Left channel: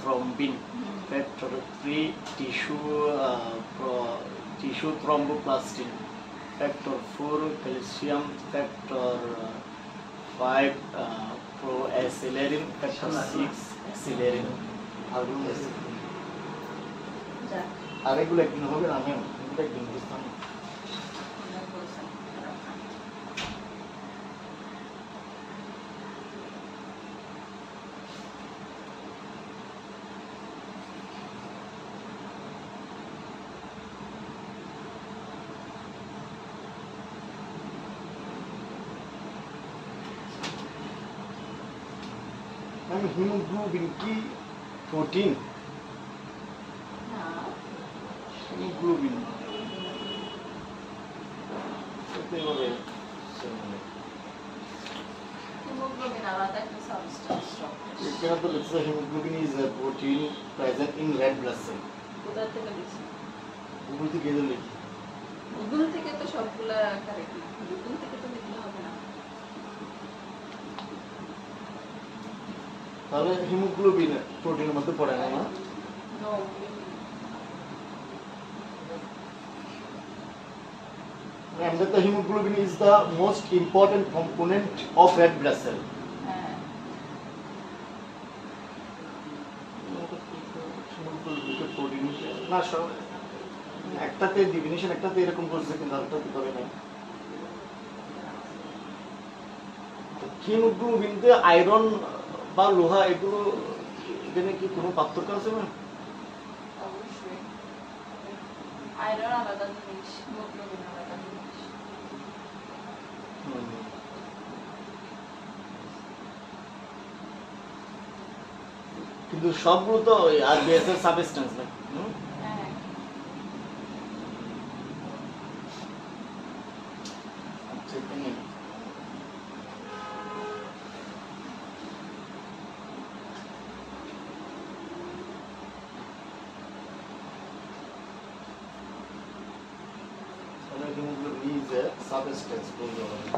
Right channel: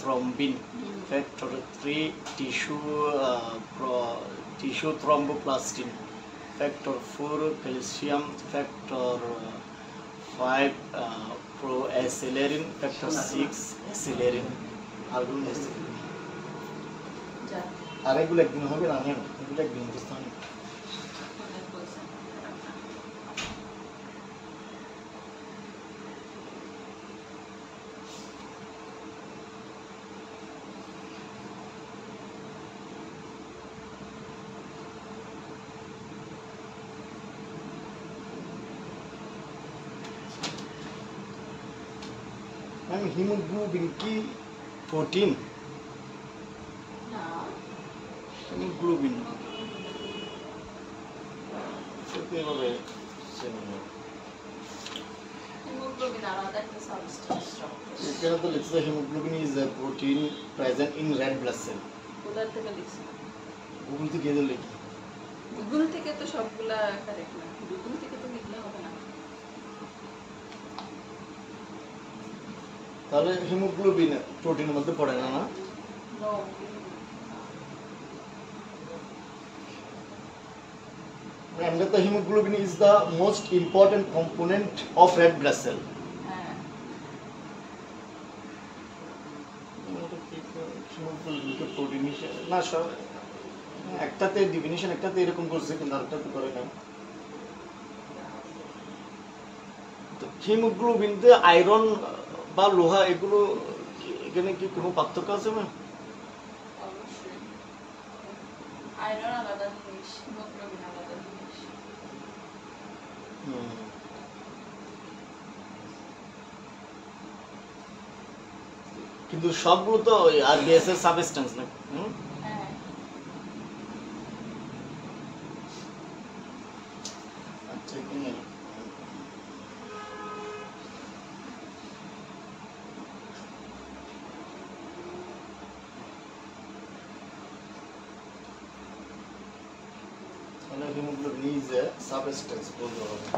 thrombin. Factor 3 tissue thromboplastin. Factor 4 calcium. Factor 5 proacelerin. Factor 6 acelerin. আরেকগুলো একদিন হবে না, হ্যাঁ এগুলো একদিন বুঝতাম। হিমোগ্লোবিন কি প্রোটিন? হিমোগ্লোবিন এভাবে এখানে তো লিখছে haemoglobin is a protein present in red blood cell. কোথা থেকে লিখছে? গুগল থেকে লিখি। গুগল থেকে তো সবগুলা কারেক্ট না, গুগল থেকে তো লিখলে হবে না। তাহলে হিমোগ্লোবিন প্রোটিনের মধ্যে পড়ে না? No. And the hemoglobin is the most important component of red blood cell. না সব একটাতে ডেফিনিশন একটাতে এরকম করছে কিন্তু আরেকটাতে করে নাই। তো হিমোগ্লোবিনতে আয়রন বা লোহা এগুলো এখানে কি কোনো পার্থক্য আছে না? অবশ্যই আয়রন আলাদা জিনিস, হিমোগ্লোবিন আলাদা জিনিস। কিন্তু সবগুলো তো আরবিএস এর সাবস্টেন্স না। আচ্ছা এখানে hemoglobin is a substance বলতে হবে।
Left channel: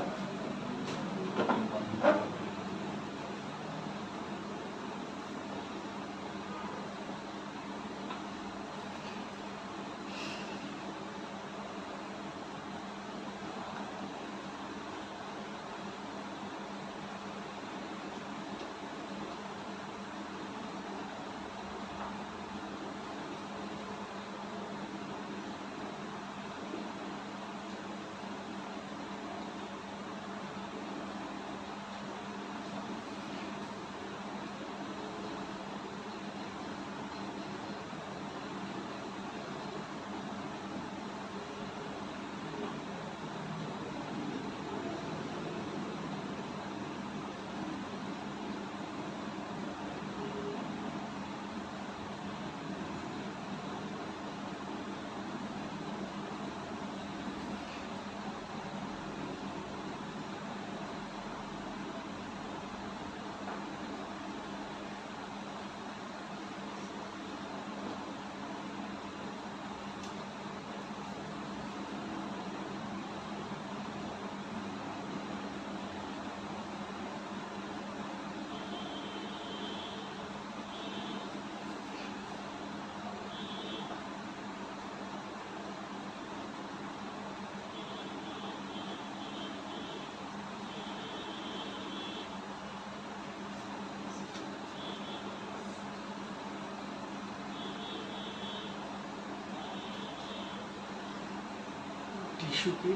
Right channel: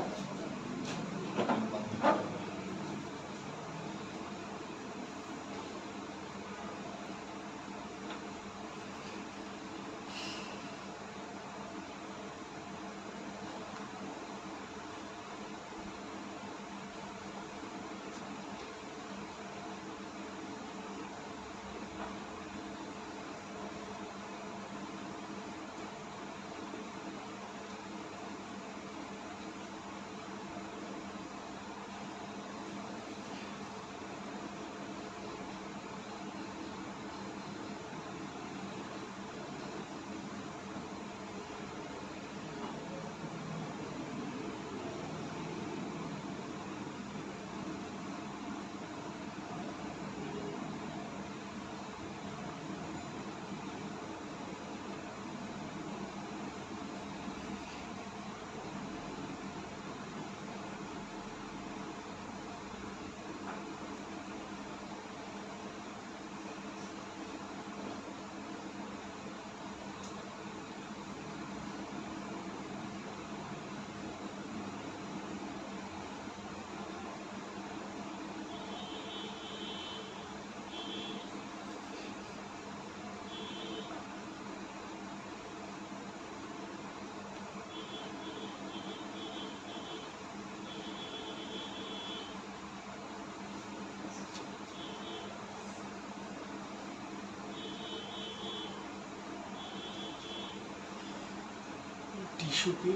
টিস্যু কি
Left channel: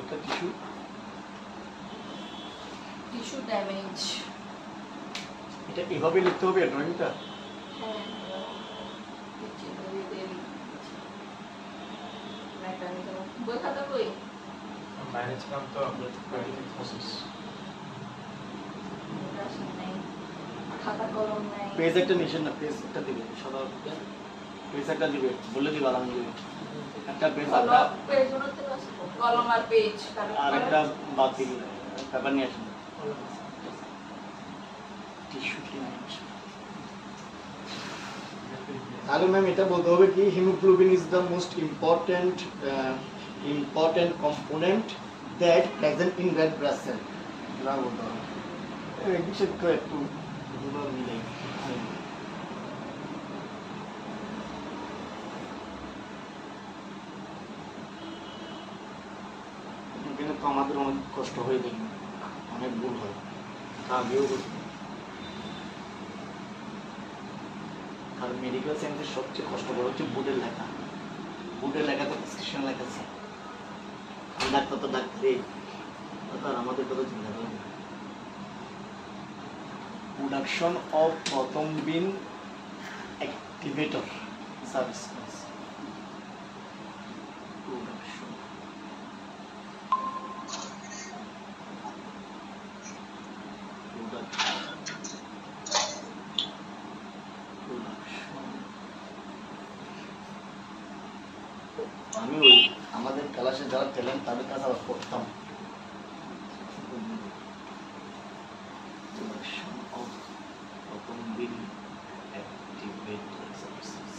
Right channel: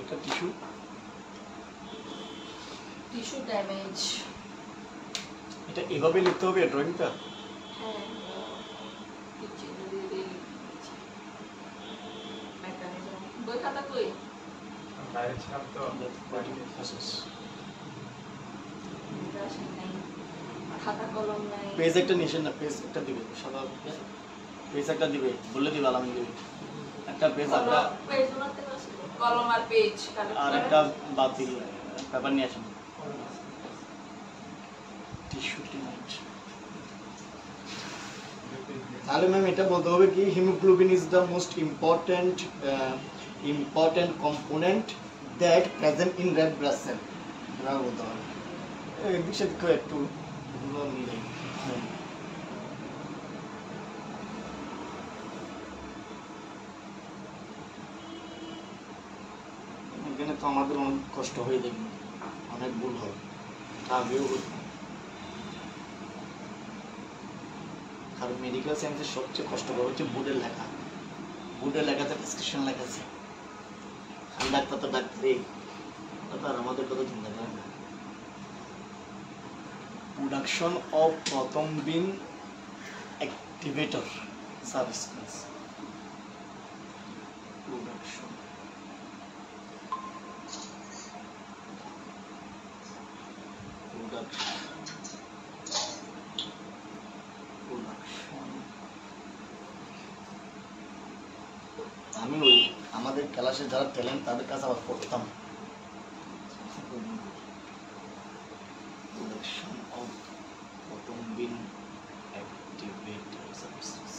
এটা টিস্যু ড্যামেজ, এটা এভাবে লিখতে হবে ড্রয়িংটা। বই খাতা কই? বাইরে ছিলাম তো খাতা কলম নাই। পেজ একটা নিছেন না, পেজ একটা দিবে সদা পেজ একটা দিবে বলে দিবা আলহামদুলিল্লাহ। একটা পেজ আমরা পেজ ওনাতে আছে কলম আর পেজ আর একটা বাদ দিলে পেপার নিয়ে আসেন। টিস্যু কি নাই তাহলে ম্যাম এটা বলতে হবে কি haemoglobin is the most important component that present in red blood cell. এবার বলতে হবে এই বিষয়ে একটু এগুলো নিলেই আমাদের অনেক কষ্ট হয়ে দেখি, অনেক ভুল হয়, আগেও করি। আর মেডিকেল সায়েন্সের সবচেয়ে কষ্টকর হচ্ছে বোর্ডের লেখা। বোর্ডের লেখাতে প্রেসক্রিপশন লেখা আছে, আমি ডাক্তার তো ডাক্তারে, তার আমাদের কথা চিন্তা করেন না। প্রোডাকশন অফ প্রথমবিন অ্যাক্টিভেটর সাবস্টেন্স, প্রোডাকশন আমি ওই আমাদের ক্লাসে যারা ট্যালেন্ট তাদের কাছে আবার করতাম। প্রোডাকশন অফ প্রথমবিন activator substance,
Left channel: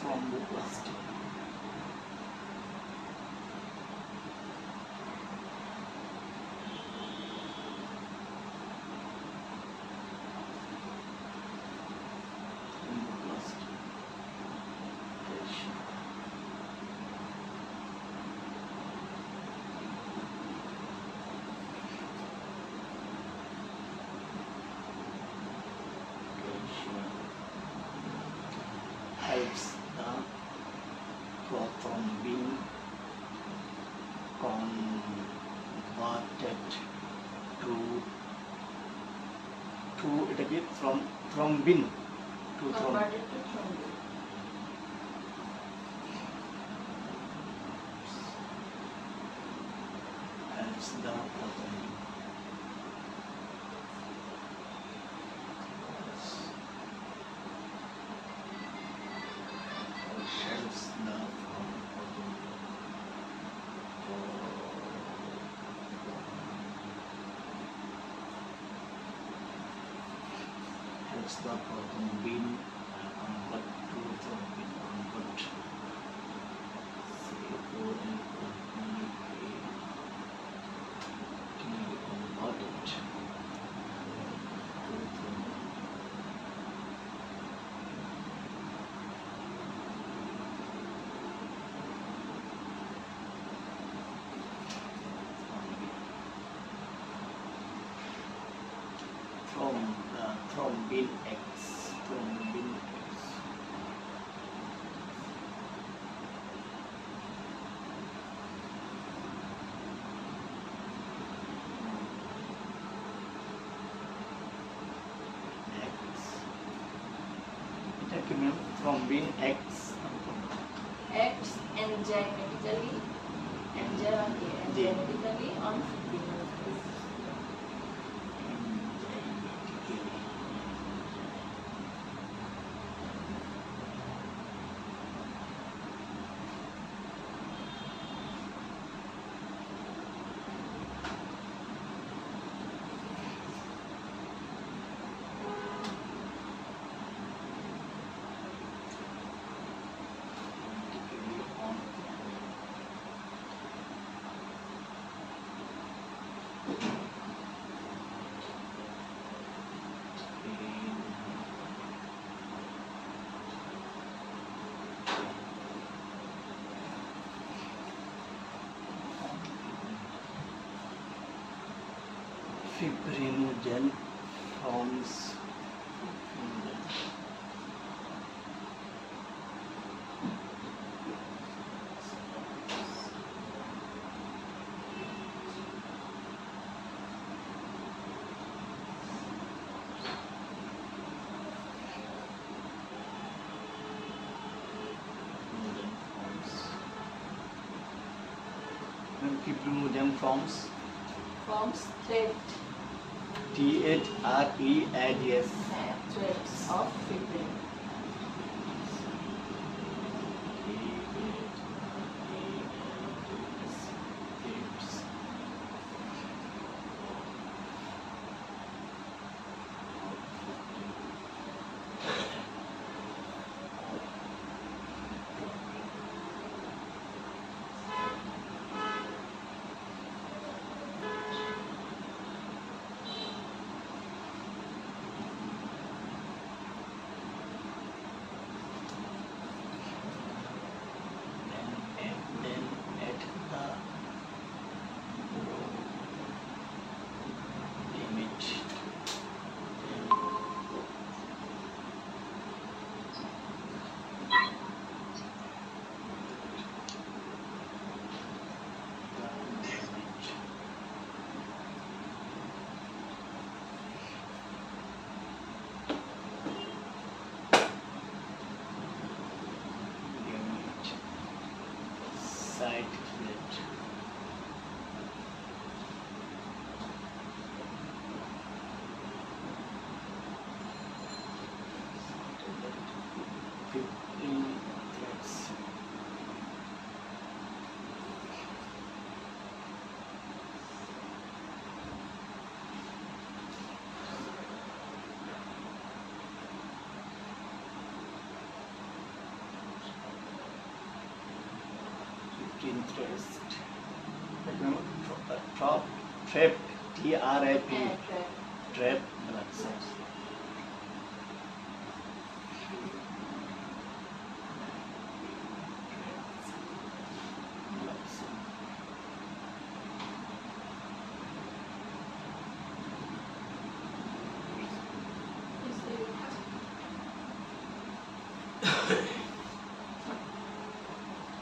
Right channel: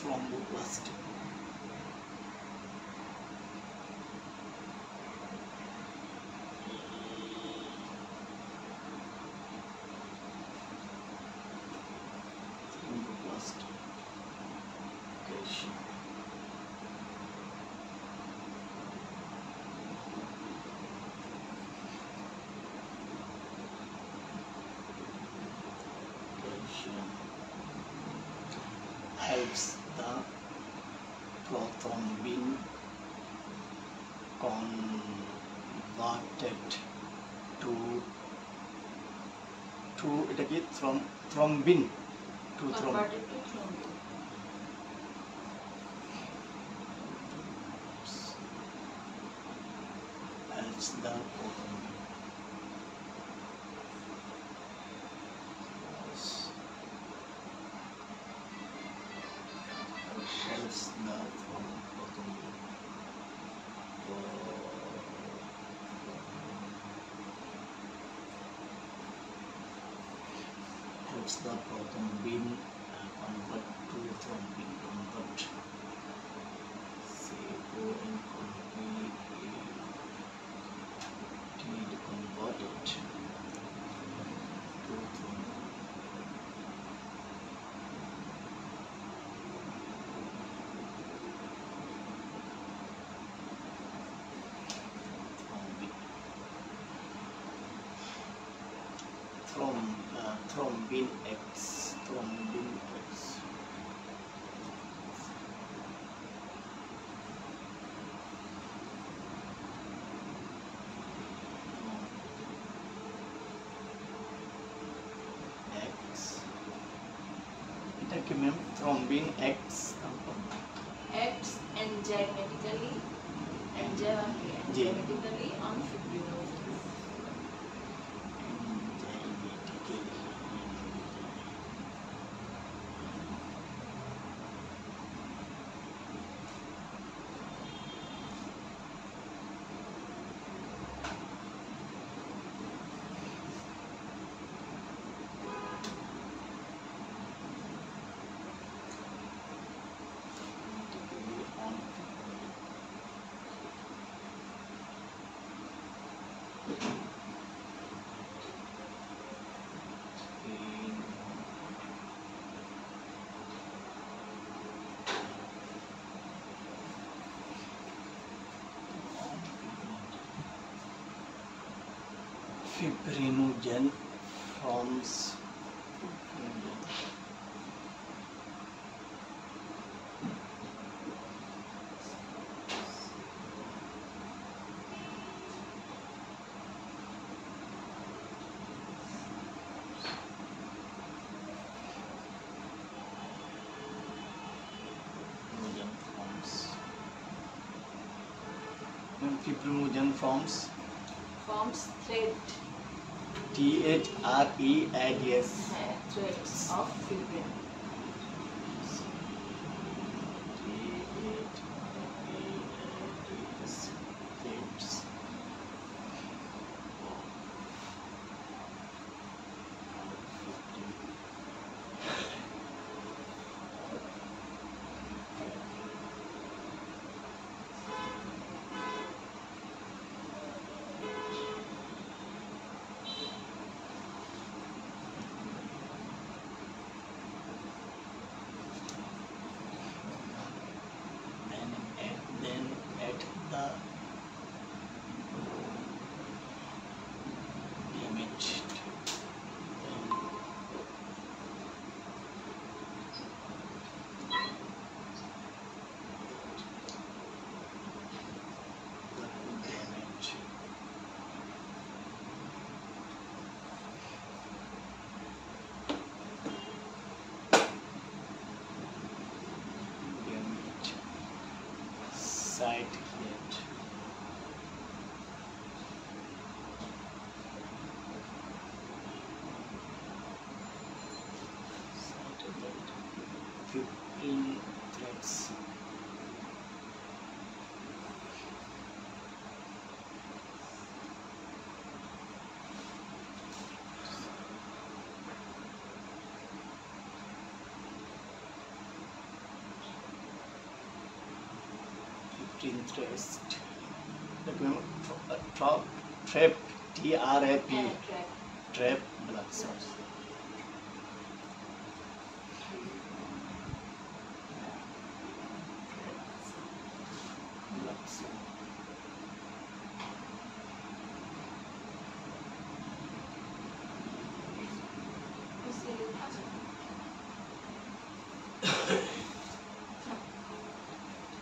thromboplastin, thromboplastin, calcium, calcium helps the prothrombin converted to এটা কি thrombin to Converted to thrombin. helps the prothrombin helps the prothrombin helps the prothrombin convert to thrombin convert converted to thrombin. Thrombin X, thrombin X. X. এটা কি ma'am? thrombin X. Acts enzymatically on fibrinolysis. Fibrinogen forms fibrinogen forms Thread THREADS threads of fibrin. light red. Started at 15 threads. Interest. Trap, trap, T-R-A-P, হ্যাঁ, track. trap, black cells. Black cell.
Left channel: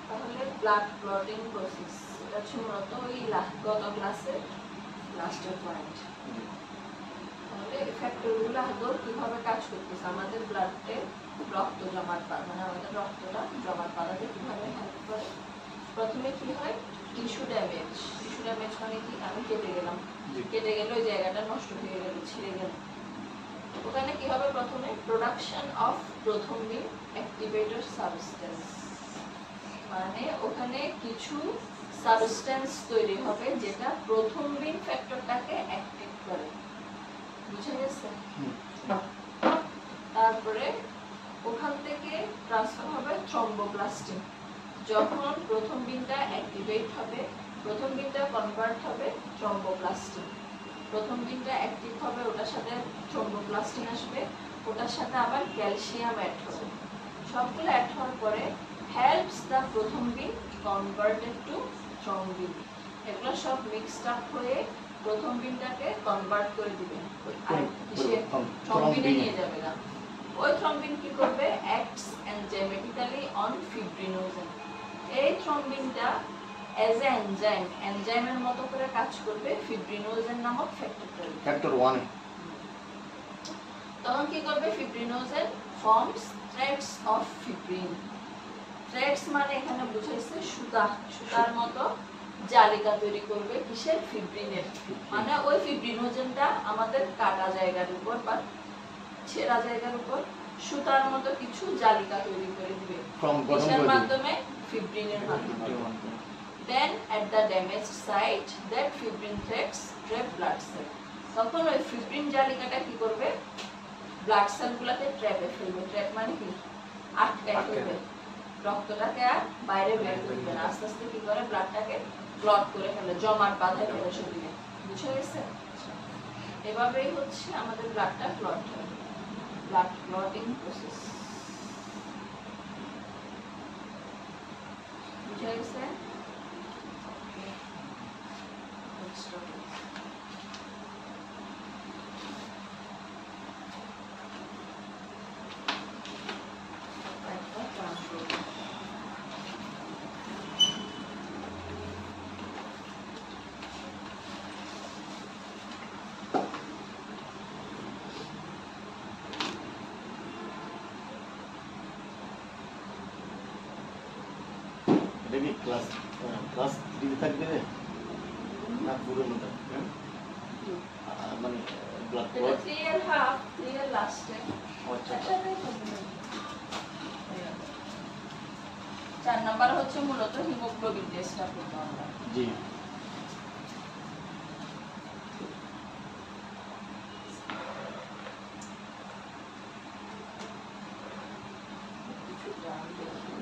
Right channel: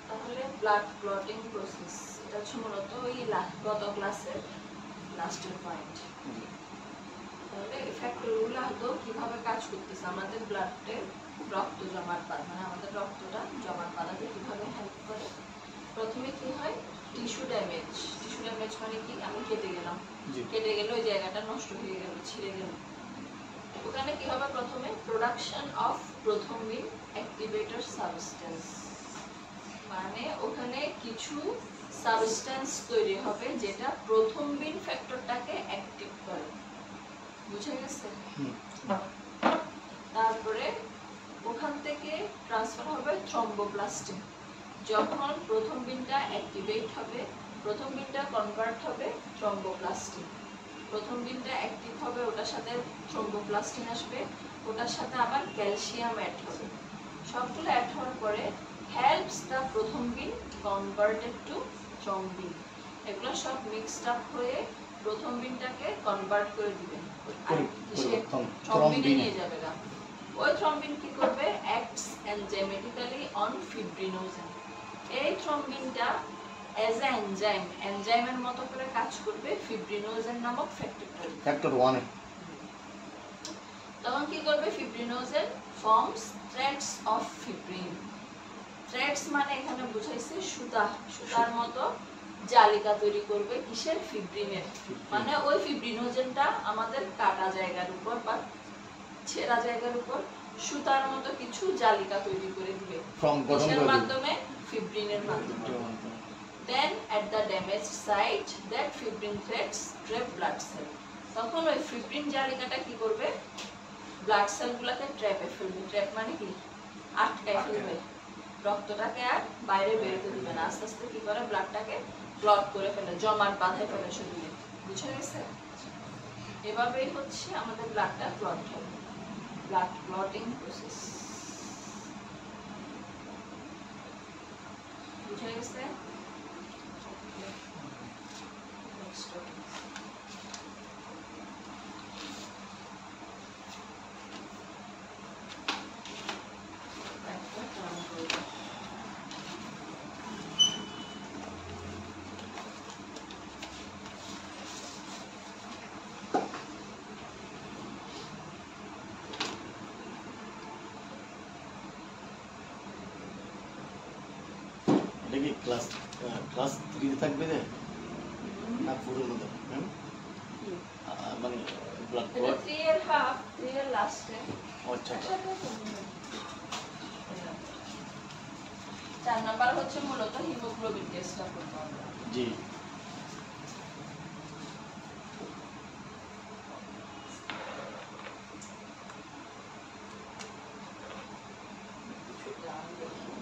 তাহলে blood clotting process এটা হচ্ছে মূলত ওই গত ক্লাসের লাস্টের পয়েন্ট। তাহলে ফ্যাক্টরগুলো আদৌ কিভাবে কাজ করতেছে আমাদের ব্লাডে রক্ত জমাট বাঁধা, মানে আমাদের রক্তটা জমাট বাঁধাতে কিভাবে হেল্প করে। প্রথমে কি হয়, টিস্যু ড্যামেজ। টিস্যু ড্যামেজ মানে কি, আমি কেটে গেলাম, জি। কেটে গেলে ওই জায়গাটা নষ্ট হয়ে গেল, ছিঁড়ে গেল, ওখানে কি হবে, প্রথমে প্রোডাকশন অফ প্রথমবিন অ্যাক্টিভেটর সাবস্টেন্স, মানে ওখানে কিছু সাবস্টেন্স তৈরি হবে যেটা প্রথমবিন ফ্যাক্টরটাকে অ্যাক্টিভ করে। বুঝে গেছে? তারপরে ওখান থেকে ট্রান্সফার হবে থ্রম্বোপ্লাস্টিন। যখন প্রথম বিনটা অ্যাক্টিভেট হবে, প্রথম বিনটা কনভার্ট হবে থ্রম্বোপ্লাস্টিন। প্রথম বিনটা অ্যাক্টিভ হবে, ওটার সাথে থ্রম্বোপ্লাস্টিন আসবে, ওটার সাথে আবার ক্যালসিয়াম অ্যাড হবে। সবগুলো অ্যাড হওয়ার পরে হেল্পস দ্য প্রথম বিন কনভার্টেড টু থ্রম্বিন। এগুলো সব মিক্সড আপ হয়ে প্রথম বিনটাকে কনভার্ট করে দিবে আর কিসে, থ্রম্বিনে নিয়ে যাবে না। ওই থ্রম্বিন কি করবে, অ্যাক্টস এনজাইমেটিক্যালি অন ফিব্রিনোজেন। এই থ্রম্বিনটা অ্যাজ এ এনজাইম, এনজাইমের মতো করে কাজ করবে ফিব্রিনোজেন নামক ফ্যাক্টরটার। ফ্যাক্টর 1 এ তখন কি করবে, fibrinogen forms threads of fibrin. Threads মানে এখানে বুঝাইছে সুতা, সুতার মতো জালিকা তৈরি করবে কিসের, ফিব্রিনের। মানে ওই ফিব্রিনোজেনটা আমাদের কাটা জায়গার উপর বা ছেঁড়া জায়গার উপর সুতার মতো কিছু জালিকা তৈরি করে দিবে, ফর্ম গঠন কিসের করে মাধ্যমে, ফিব্রিনের মাধ্যমে। Then at the damaged site that fibrin threads trap blood cell. তখন ওই ফিব্রিন জালিকাটা কি করবে, ব্লাড সেলগুলোকে ট্র্যাপে ফেলবে। ট্র্যাপ মানে কি, আটকায় ফেলবে, রক্তটাকে আর বাইরে বের করে দিবে না। আস্তে আস্তে কি করে, ব্লাডটাকে ক্লট করে ফেলে, জমাট বাঁধে ফেলে শরীরে। বুঝে গেছে? এভাবেই হচ্ছে আমাদের ব্লাডটা ক্লট হয়, ব্লাড ক্লটিং প্রসেস। বুঝে গেছে? এটা কি ক্লাস 3 তে থাকবে না, না পুরোর মধ্যে মানে ব্লাড এটা ক্লট? 3 এর হাফ, 3 এর লাস্টে। আচ্ছা 4 নাম্বার হচ্ছে মূলত হিমোগ্লোবিন টেস্টটা করব আমরা। জি। কিছু জান দেখি।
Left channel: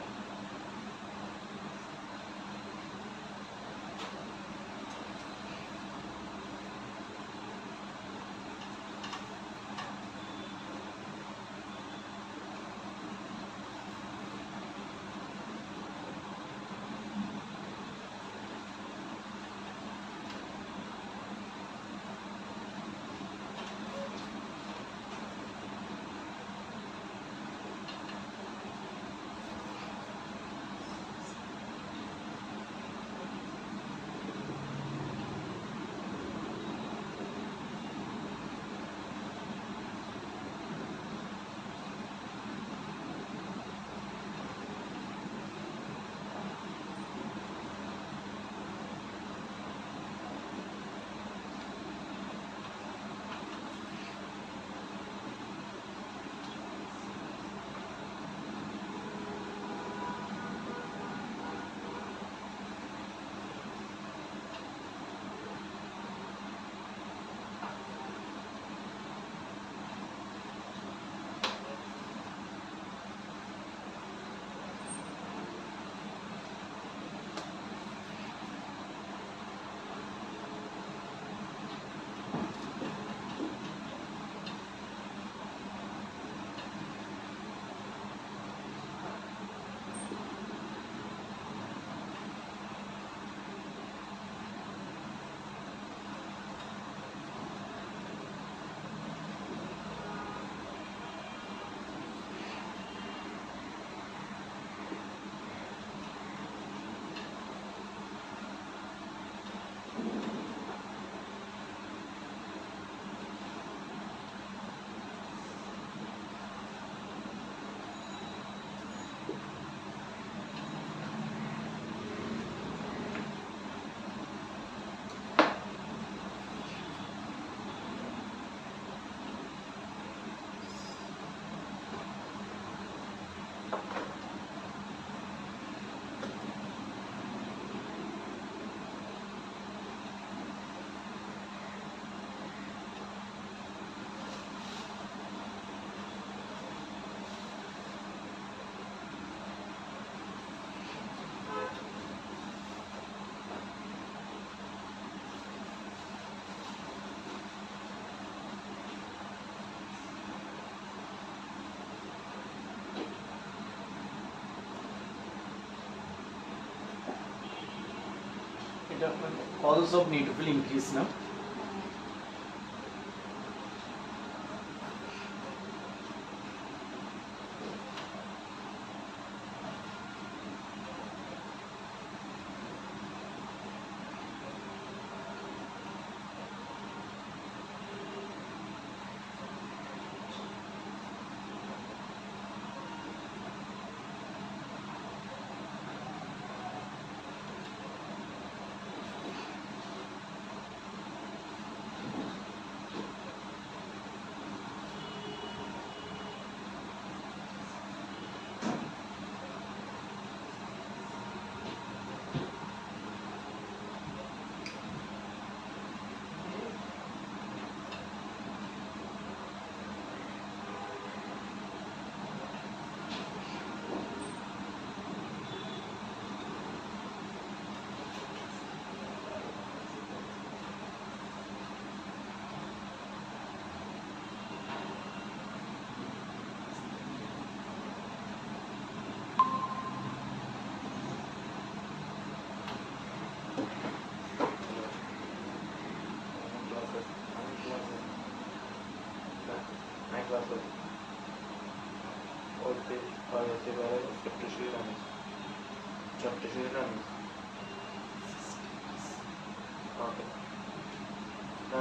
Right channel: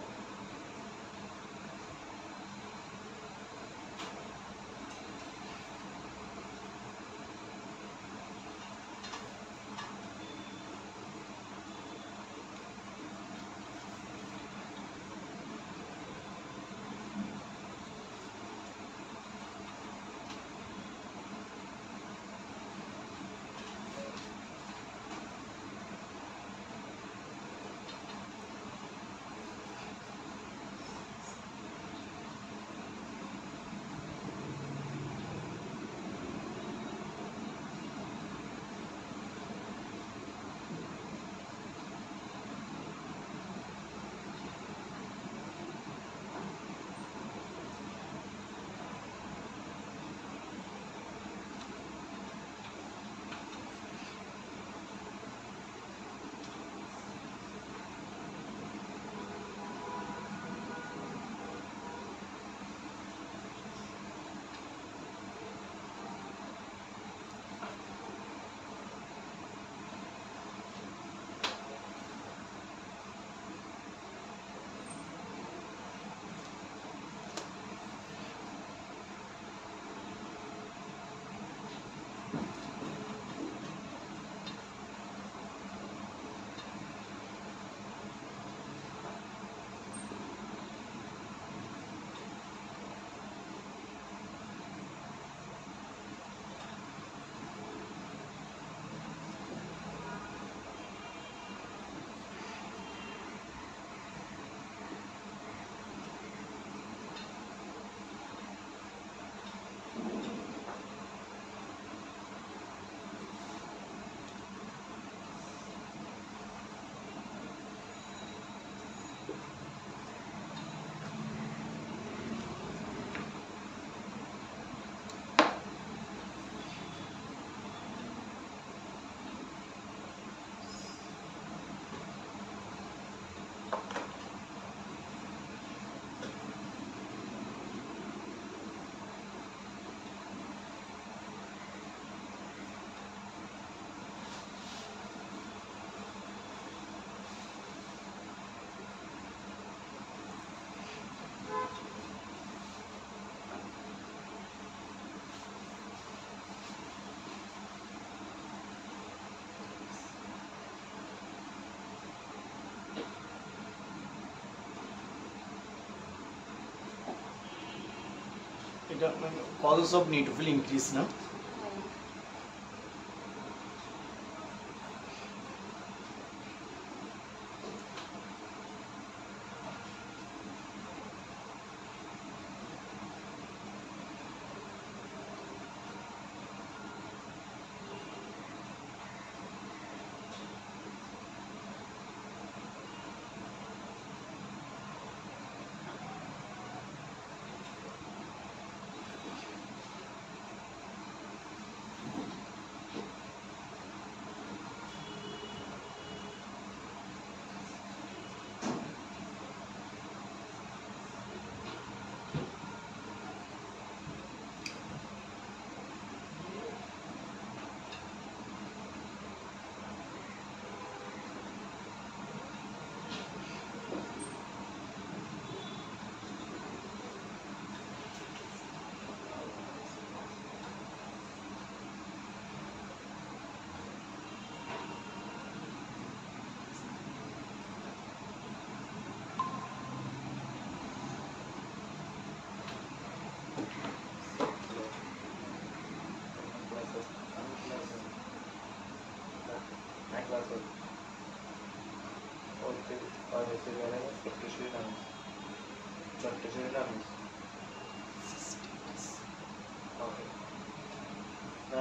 এটা কলস অফ নিউট্রোফিল ইনক্রিজ না?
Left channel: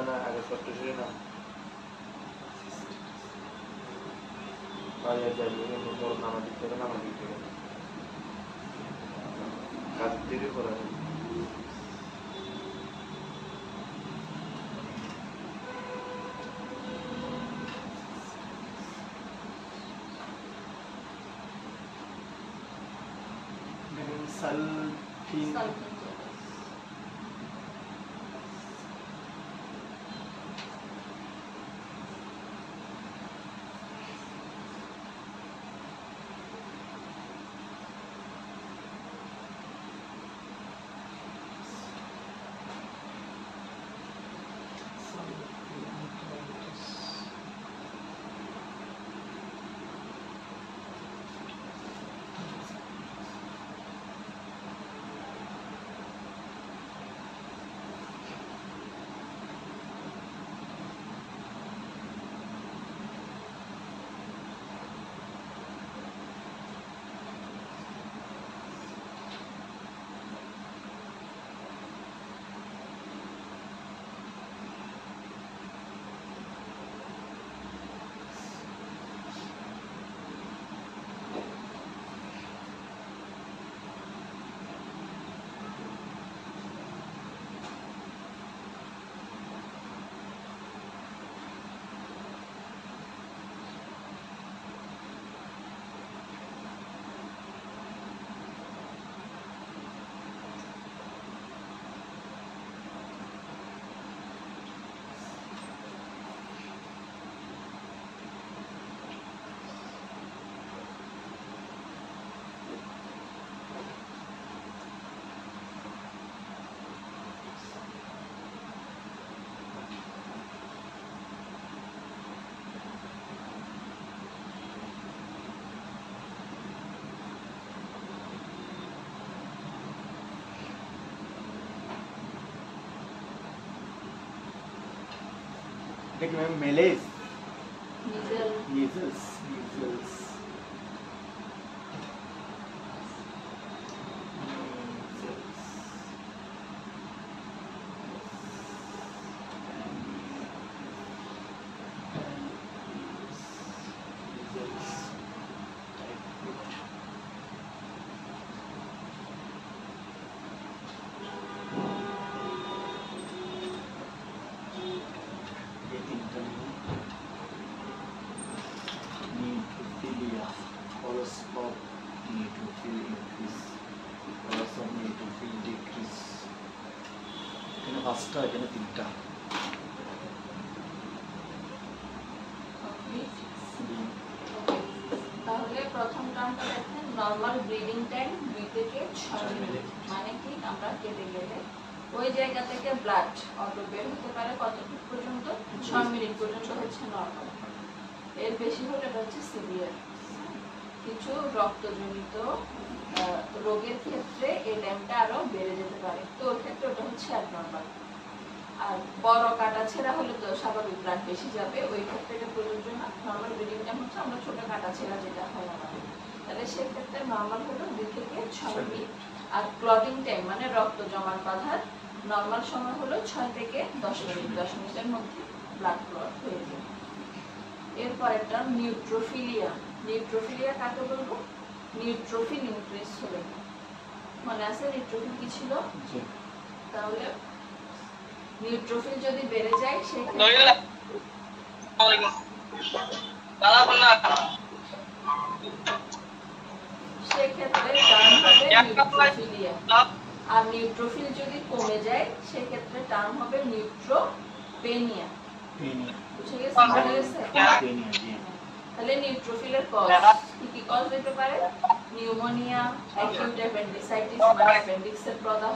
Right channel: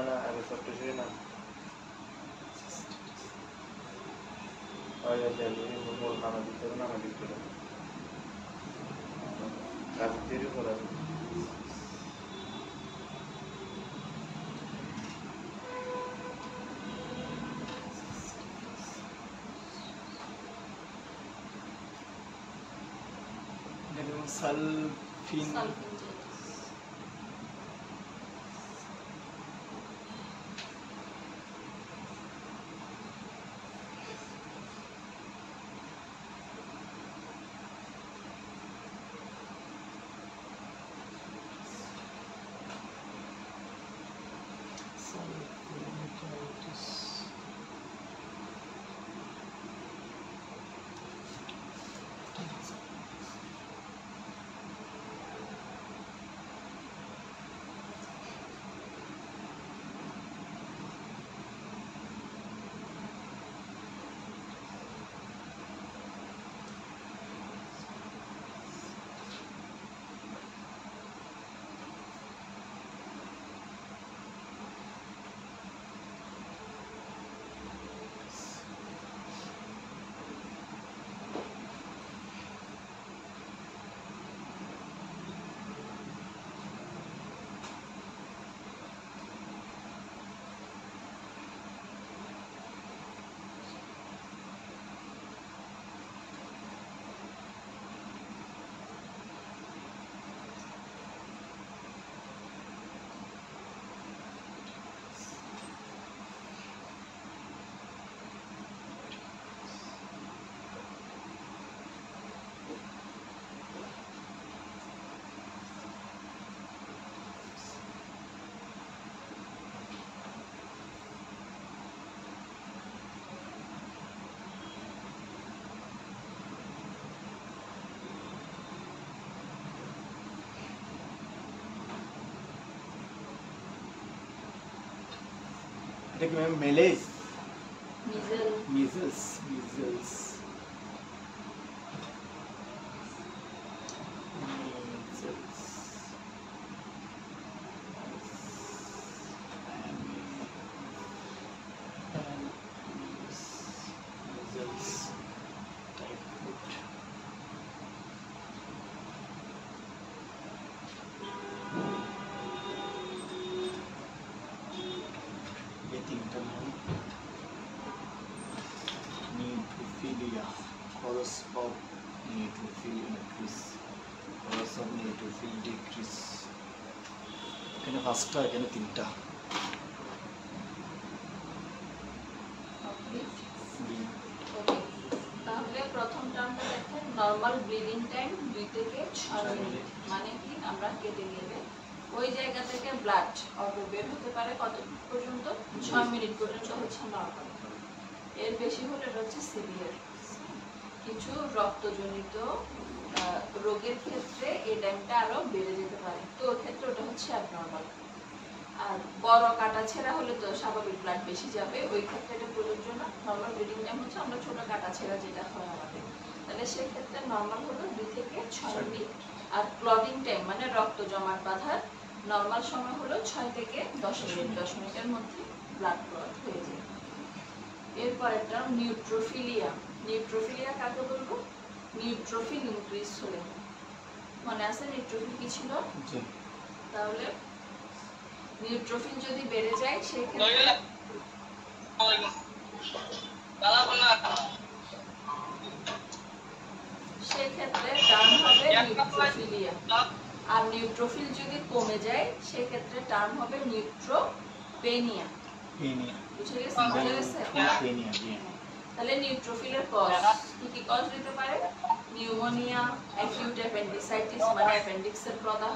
না আগে ছোট্ট শুরু না বাইরে যাবে নামা দিতে হবে নামা দিতে হবে কাজ দেরি করা যাবে সালফিন দেখবেন মেলেজ মিজেলস নিউট্রোফিলিয়া কলস অফ নিউট্রোফিল ইনক্রিজ কলস অফ নিউট্রোফিল ডিক্রিজ এখানে পাঁচটা এখানে তিনটা তাহলে প্রথম টার্মটা দেখেন নরমাল ব্রিডিং টাইম 2 থেকে 6 মিনিট মানে কি আমরা কেটে গেলে ওই জায়গা থেকে ব্লাড অটো বের হতে পারে কতটুকু পর্যন্ত 6 মিনিট পর্যন্ত হচ্ছে নরমাল এর বেশি হলে এটা হচ্ছে সিভিয়ার কিছু রক্তজনিত রোগের ক্ষেত্রে এই টাইমটা আরো বেড়ে যেতে পারে, তো ওর ক্ষেত্রে ওটা হচ্ছে অ্যাবনর্মাল। আর বড় কাটা ছেঁড়া হলে তো স্বাভাবিক ব্লাড বেশি যাবে, ওই ক্ষেত্রে এটা প্রযোজ্য না। নর্মাল ব্লিডিং টাইম হচ্ছে আমরা ছোট কাটা ছেঁড়া যেটা হয় আমাদের, তাহলে সেক্ষেত্রে নর্মাল হলো 2 থেকে 6 মিনিট। আর ক্লটিং টাইম মানে রক্ত জমাট বাঁধার নর্মাল সময় হলো 6 থেকে 10 মিনিট, 10 মিনিটের মধ্যে ব্লাড ক্লট হয়ে যায়। এরপরেরটা নিউট্রোফিলিয়া। নিউট্রোফিলিয়া কাকে বলবো? নিউট্রোফিল ইনক্রিজ হলে। মনে আছে নিউট্রোফিল কি ছিল? তাহলে নিউট্রোফিল যদি বেড়ে যায় সেক্ষেত্রে টার্ম হবে নিউট্রোফিলিয়া। আর নিউট্রোফিল যদি কমে যায় সেক্ষেত্রে টার্ম হবে নিউট্রোপেনিয়া। বুঝে গেছে? তাহলে নিউট্রোফিলের কজ কি কি কজ হতে পারে? নিউমোনিয়া, অ্যাকিউট অ্যাপেন্ডিসাইটিস মানে অ্যাপেন্ডিক্সের প্রদাহ,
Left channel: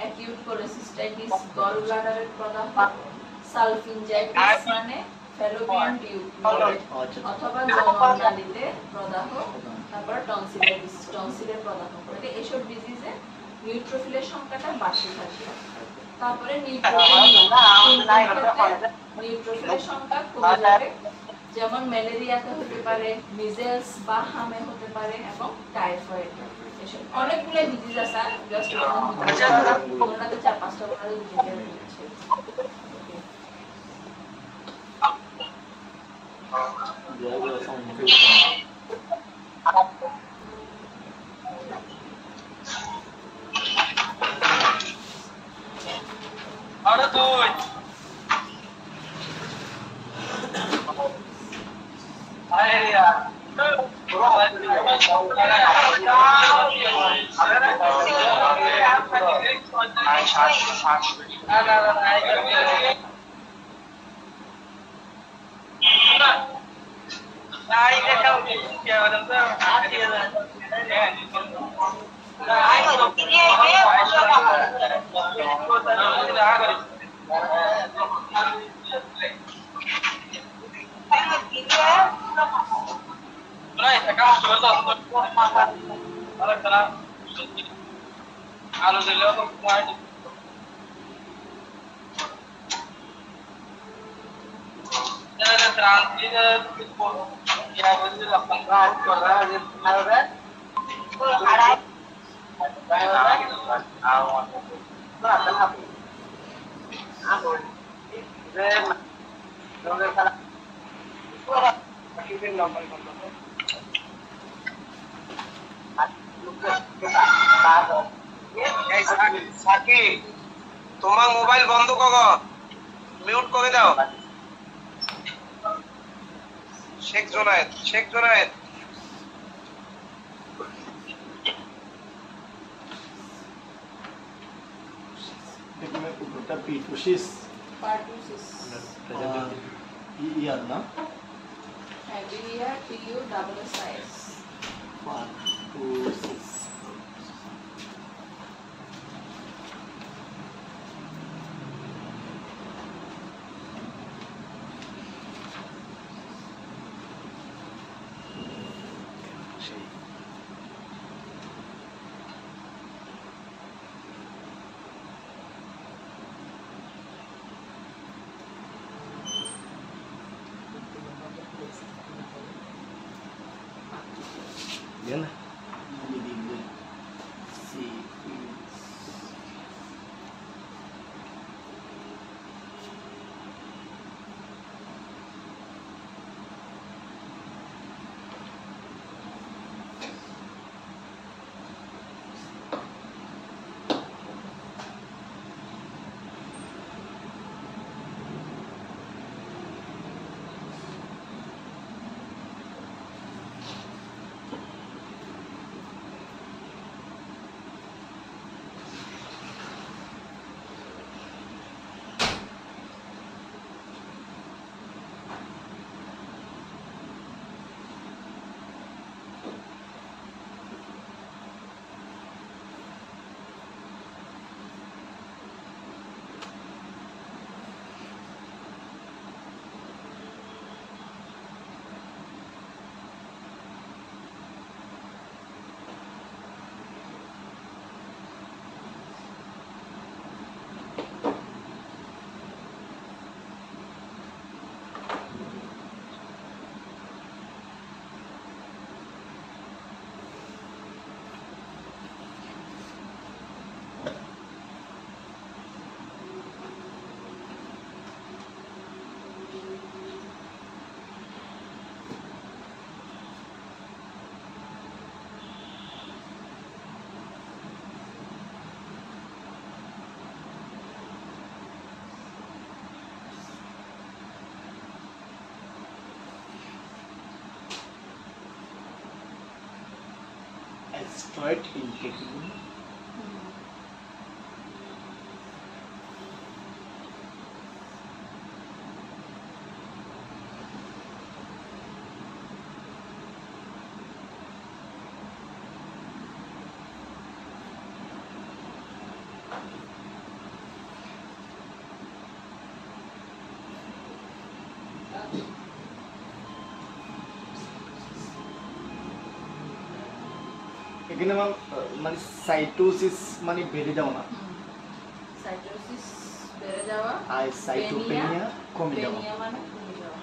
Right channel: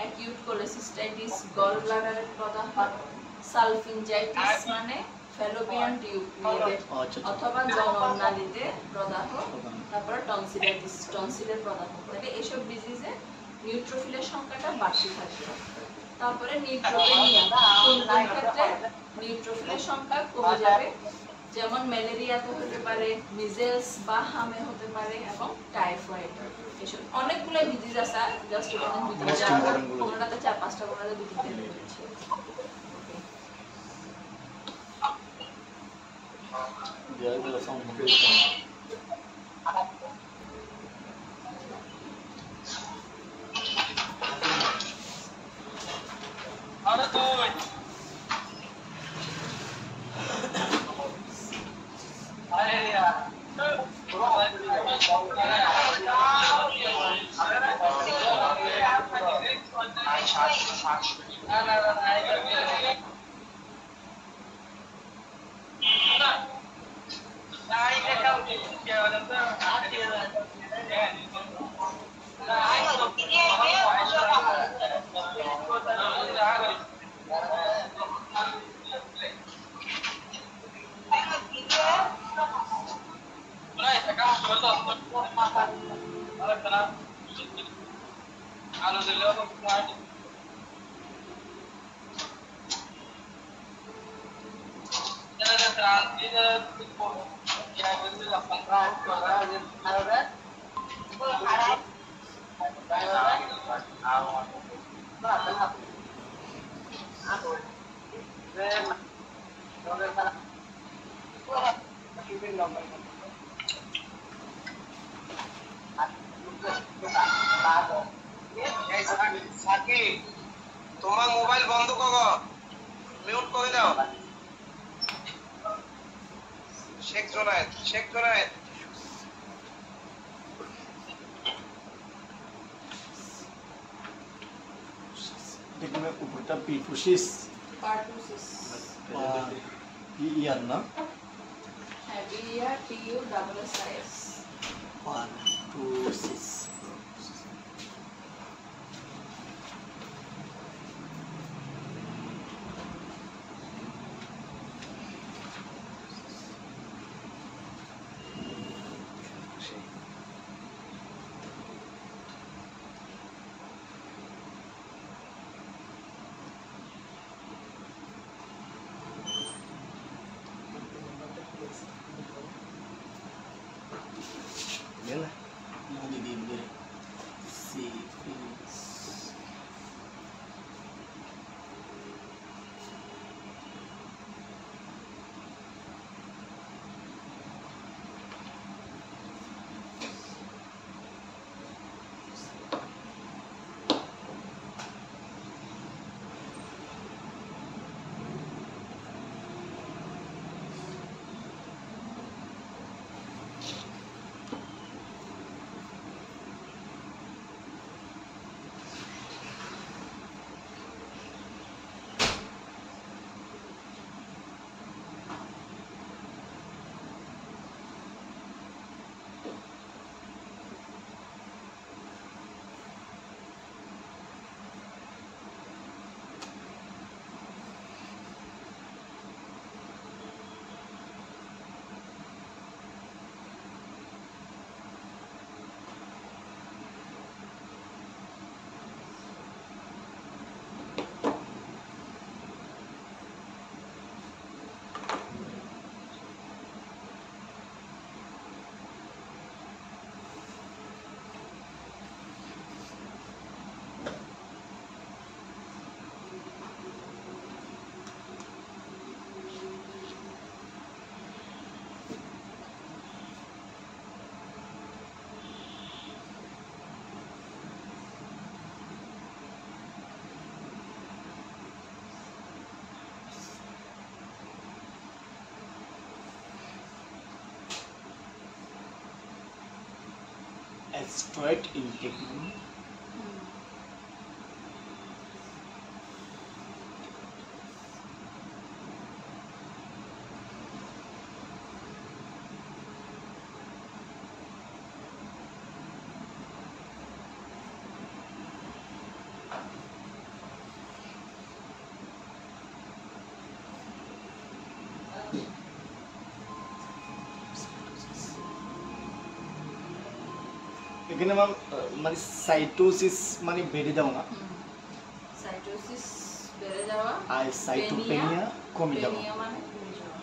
অ্যাকিউট কোলেসিস্টাইটিস গল ব্লাডারের প্রদাহ, সালফিনজাইটিস মানে ফ্যালোপিয়ান টিউব অথবা জননালীতে প্রদাহ, তারপর টনসিলাইটিস টনসিলের প্রদাহ। তাহলে এসব ডিজিজে নিউট্রোফিলের সংখ্যাটা বাড়তে থাকে। তারপরে নিউট্রোফিলের সংখ্যা কমে যাবে, যেমন ম্যালেরিয়াতে হতে পারে, মিজেলস বা হামে হতে পারে এবং টাইফয়েড। এসব অনেকগুলো ডিজিজ আছে, জাস্ট কোনোটাতে 4-5টা করে দুটো দিচ্ছি। তোমার মোবাইল বন্ধ করো, মিউট করে দাও। শেখ জোনায়েদ পিটুসিস পার্টুসিস ইয়ার না হ্যাভিয়া টিইউ double S pertussis Bien. asteroid intake এখানে ম্যাম মানে সাইটোসিস মানে বেড়ে যাওয়া না সাইটোসিস বেড়ে যাওয়া আর সাইটোপেনিয়া কমে যাওয়া পেনিয়া মানে কমে যাওয়া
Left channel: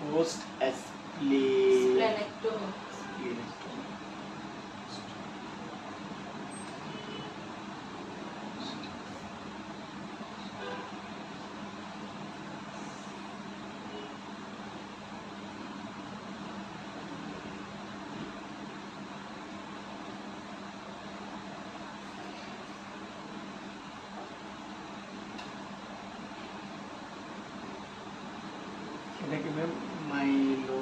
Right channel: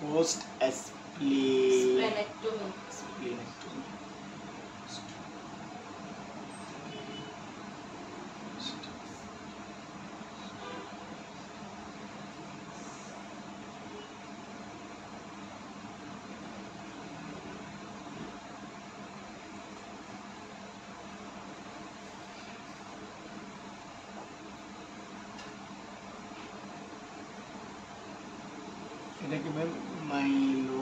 post স্প্লেনেক্টমি splenectomy এটাকে ম্যাম মাইলোফাইব্রোসিস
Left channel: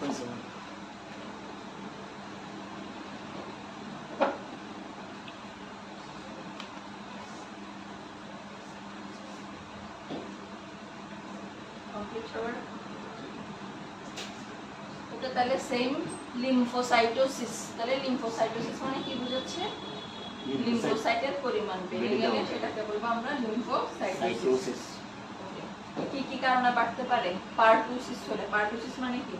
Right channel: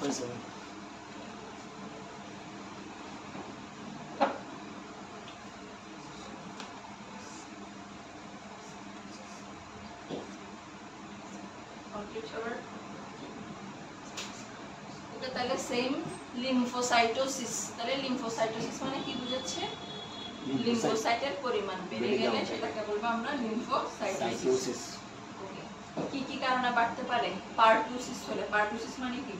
হয়েছে তাহলে সেম লিম্ফোসাইটোসিস, তাহলে লিম্ফোসাইটোসিস মানে কি বোঝাচ্ছে? লিম্ফোসাইটের পরিমাণ বেড়ে গেলে সেটাকে বলবো আমরা লিম্ফোসাইটোসিস। কি কি কারণে বাড়তে পারে? পারটুসিস হলে। পারটুসিস মানে কি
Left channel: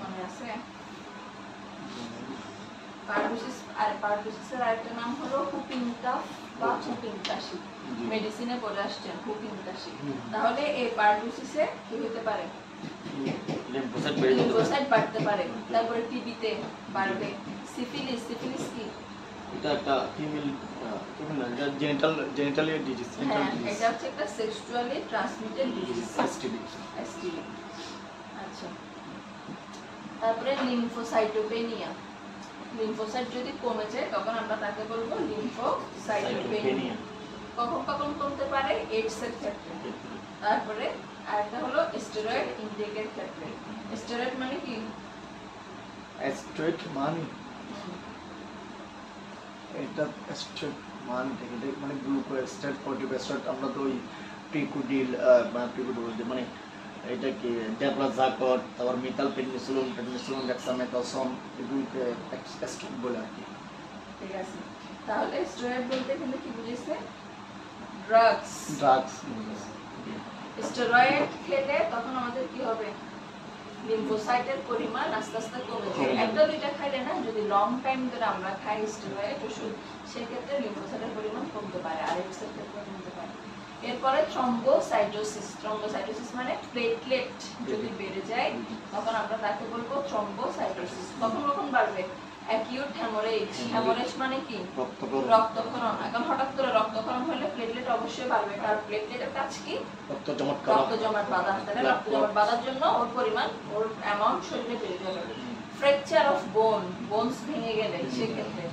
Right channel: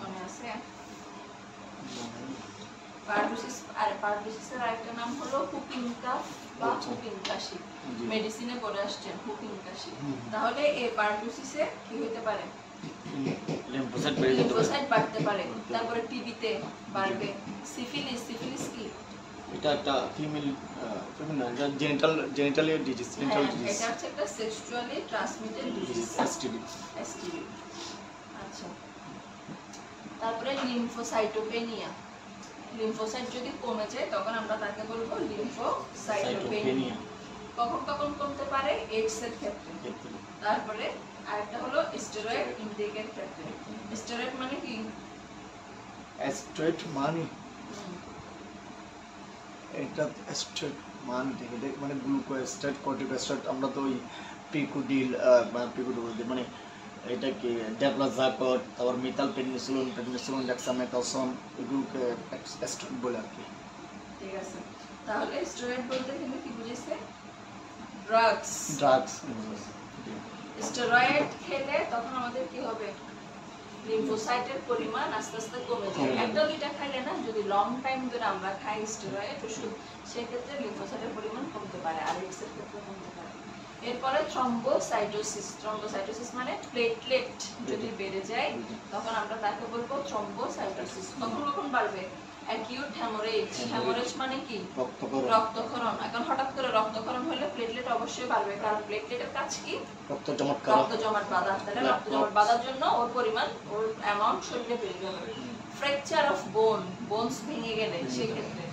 মনে আছে? পারটুসিস, আর পারটুসিসের আরেকটা নাম হলো হুপিং কাফ বা হুপিং কাশি। মেডিসিনে পড়ে আসছেন হুপিং কাশি। তাহলে এই পারটুসিসে কি হতে পারে? লিম্ফোসাইট বাড়তে পারে। তারপরে টিবিতে বাড়বে। সিফিলিস, সিফিলিস কি? এটা একটা ফিমেল জেনিটালি ডিজিজ, এটা হচ্ছে একটা sexually transmitted disease, STD. STD. আচ্ছা, তারপরে লিম্ফোসাইটোপেনিয়া। লিম্ফোসাইট যদি কমে যায় তখন আমরা তাকে বলবো লিম্ফোসাইটোপেনিয়া। কখন কখন কমতে পারে? এইডস এর ক্ষেত্রে। তারপরে আরেকটা হলো স্টেরয়েড ইনটেকের ক্ষেত্রে। স্টেরয়েড মানে কি? স্টেরয়েড মানে এটা স্টেরয়েড মানে গ্লুকোস্টেট, কর্টিকোস্টেট। আমরা তো ওই প্রিকুডিল মানে এটা কি ডেপ্লাজাকট, তারপর মিথাইল পেনিসিলিন, ডেক্সামেথাসোন, এগুলোকে স্টেরয়েড বলে আর কি। ঠিক আছে, তাহলে স্টেরয়েড বলতে গেলে কি বুঝিয়েছে? ড্রাগস। স্টেরয়েড খেলে তখন আমাদের কি হবে? লিম্ফোসাইটের পরিমাণ আস্তে আস্তে কমে যায়। একটা দুইটা খাইলে না, যদি লং টাইম ধরে আমরা খাই স্টেরয়েড ওষুধ, সেক্ষেত্রে লিম্ফোসাইটের পরিমাণ কমতে পারে, আর এইডস এর ক্ষেত্রে কমতে পারে। এরপরে থ্রম্বোসাইটোসিস। থ্রম্বোসাইটোসিস মানে প্লেটলেট যদি বেড়ে যায় তখন আমরা তাকে বলবো থ্রম্বোসাইটোসিস। কখন কখন বাড়বে? Acute haemorrhage. হেমোরেজ মানে কি? রক্তক্ষরণ। এখন হঠাৎ করে রক্তক্ষরণ হলে প্লেটলেট অবশ্যই বাড়বে, কারণ প্লেটলেটের কাজ কি? রক্ত জমাট বাঁধা। তাহলে রক্ত জমাট বাঁধার জন্য ওর পরিমাণ, ওর অ্যামাউন্ট শরীরে বেড়ে যাবে। ফ্র্যাকচার অফ বোন, বোনস ভেঙে গেলে সেক্ষেত্রে।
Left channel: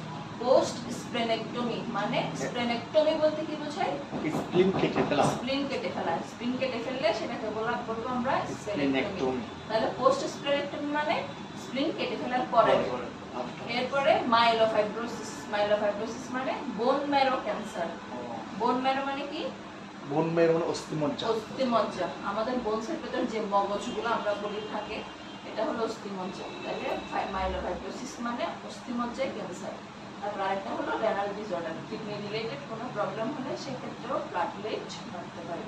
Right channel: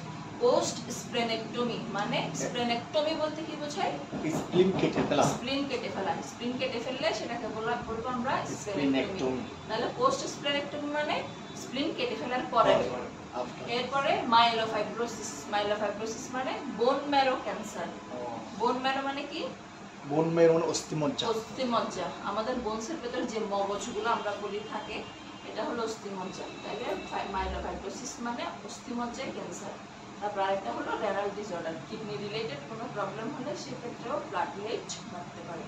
পোস্ট স্প্লেনেক্টমি মানে, স্প্লেনেক্টমি বলতে কি বোঝায়? স্প্লিন কেটে ফেলা। স্প্লিন কেটে ফেলা। স্প্লিন কেটে ফেললে সেটাকে বলবো আমরা স্প্লেনেক্টমি। তাহলে পোস্ট স্প্লেনেক্টমি মানে স্প্লিন কেটে ফেলার পরে। এরপরে মাইলোফাইব্রোসিস। মাইলোফাইব্রোসিস মানে bone marrow cancer. Bone marrow মানে কি? বোন ম্যারো মানে অস্থিমজ্জা। অস্থিমজ্জা, আমাদের বোনসের ভিতর যে মগজগুলো আমরা বলি থাকে, এটা হলো অস্থিমজ্জা। তাহলে মাইলোফাইব্রোসিস মানে অস্থিমজ্জায় ক্যান্সার। তারপর আরেকটা হলো রেনাল ডিসঅর্ডার, কিডনি রিলেটেড কোনো প্রবলেম হলে সেক্ষেত্রেও প্লেটলেট বাড়তে পারে।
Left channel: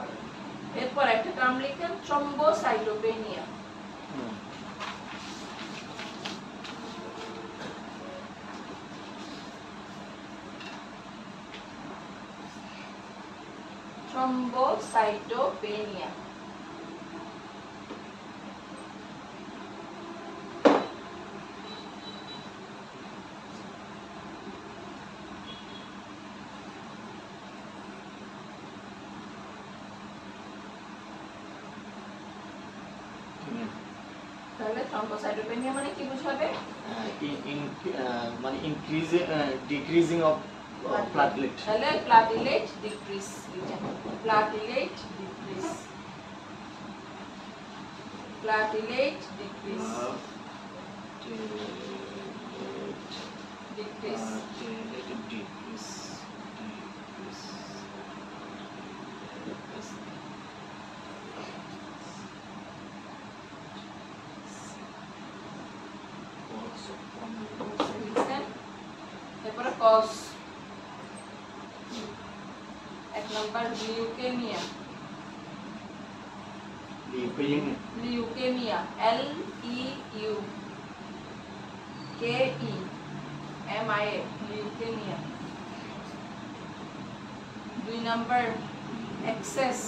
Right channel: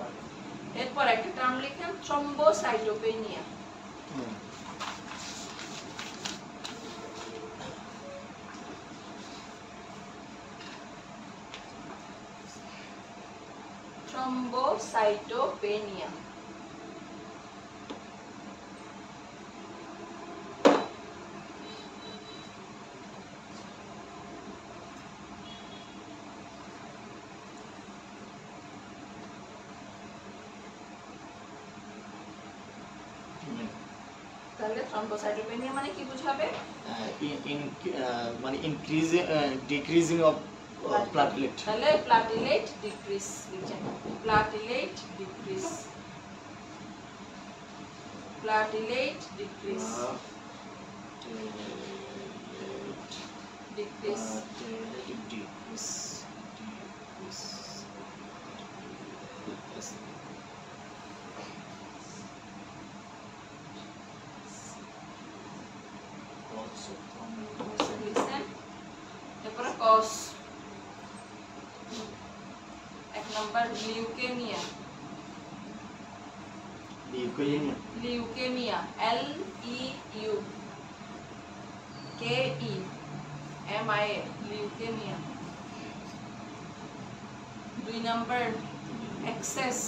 এরপর একটা টার্ম লিখেন, থ্রম্বোসাইটোপেনিয়া। থ্রম্বোসাইটোপেনিয়া। তাহলে থ্রম্বোসাইটোপেনিয়া মানে কি বুঝাবে? মানে ডিক্রিজিং অফ প্লেটলেট। তাহলে platelet decrease, platelet decrease, platelet decrease, decrease. এরপরে কজ। এক number leukaemia. Leukaemia, LEUKEMIA, leukaemia. 2 number excess.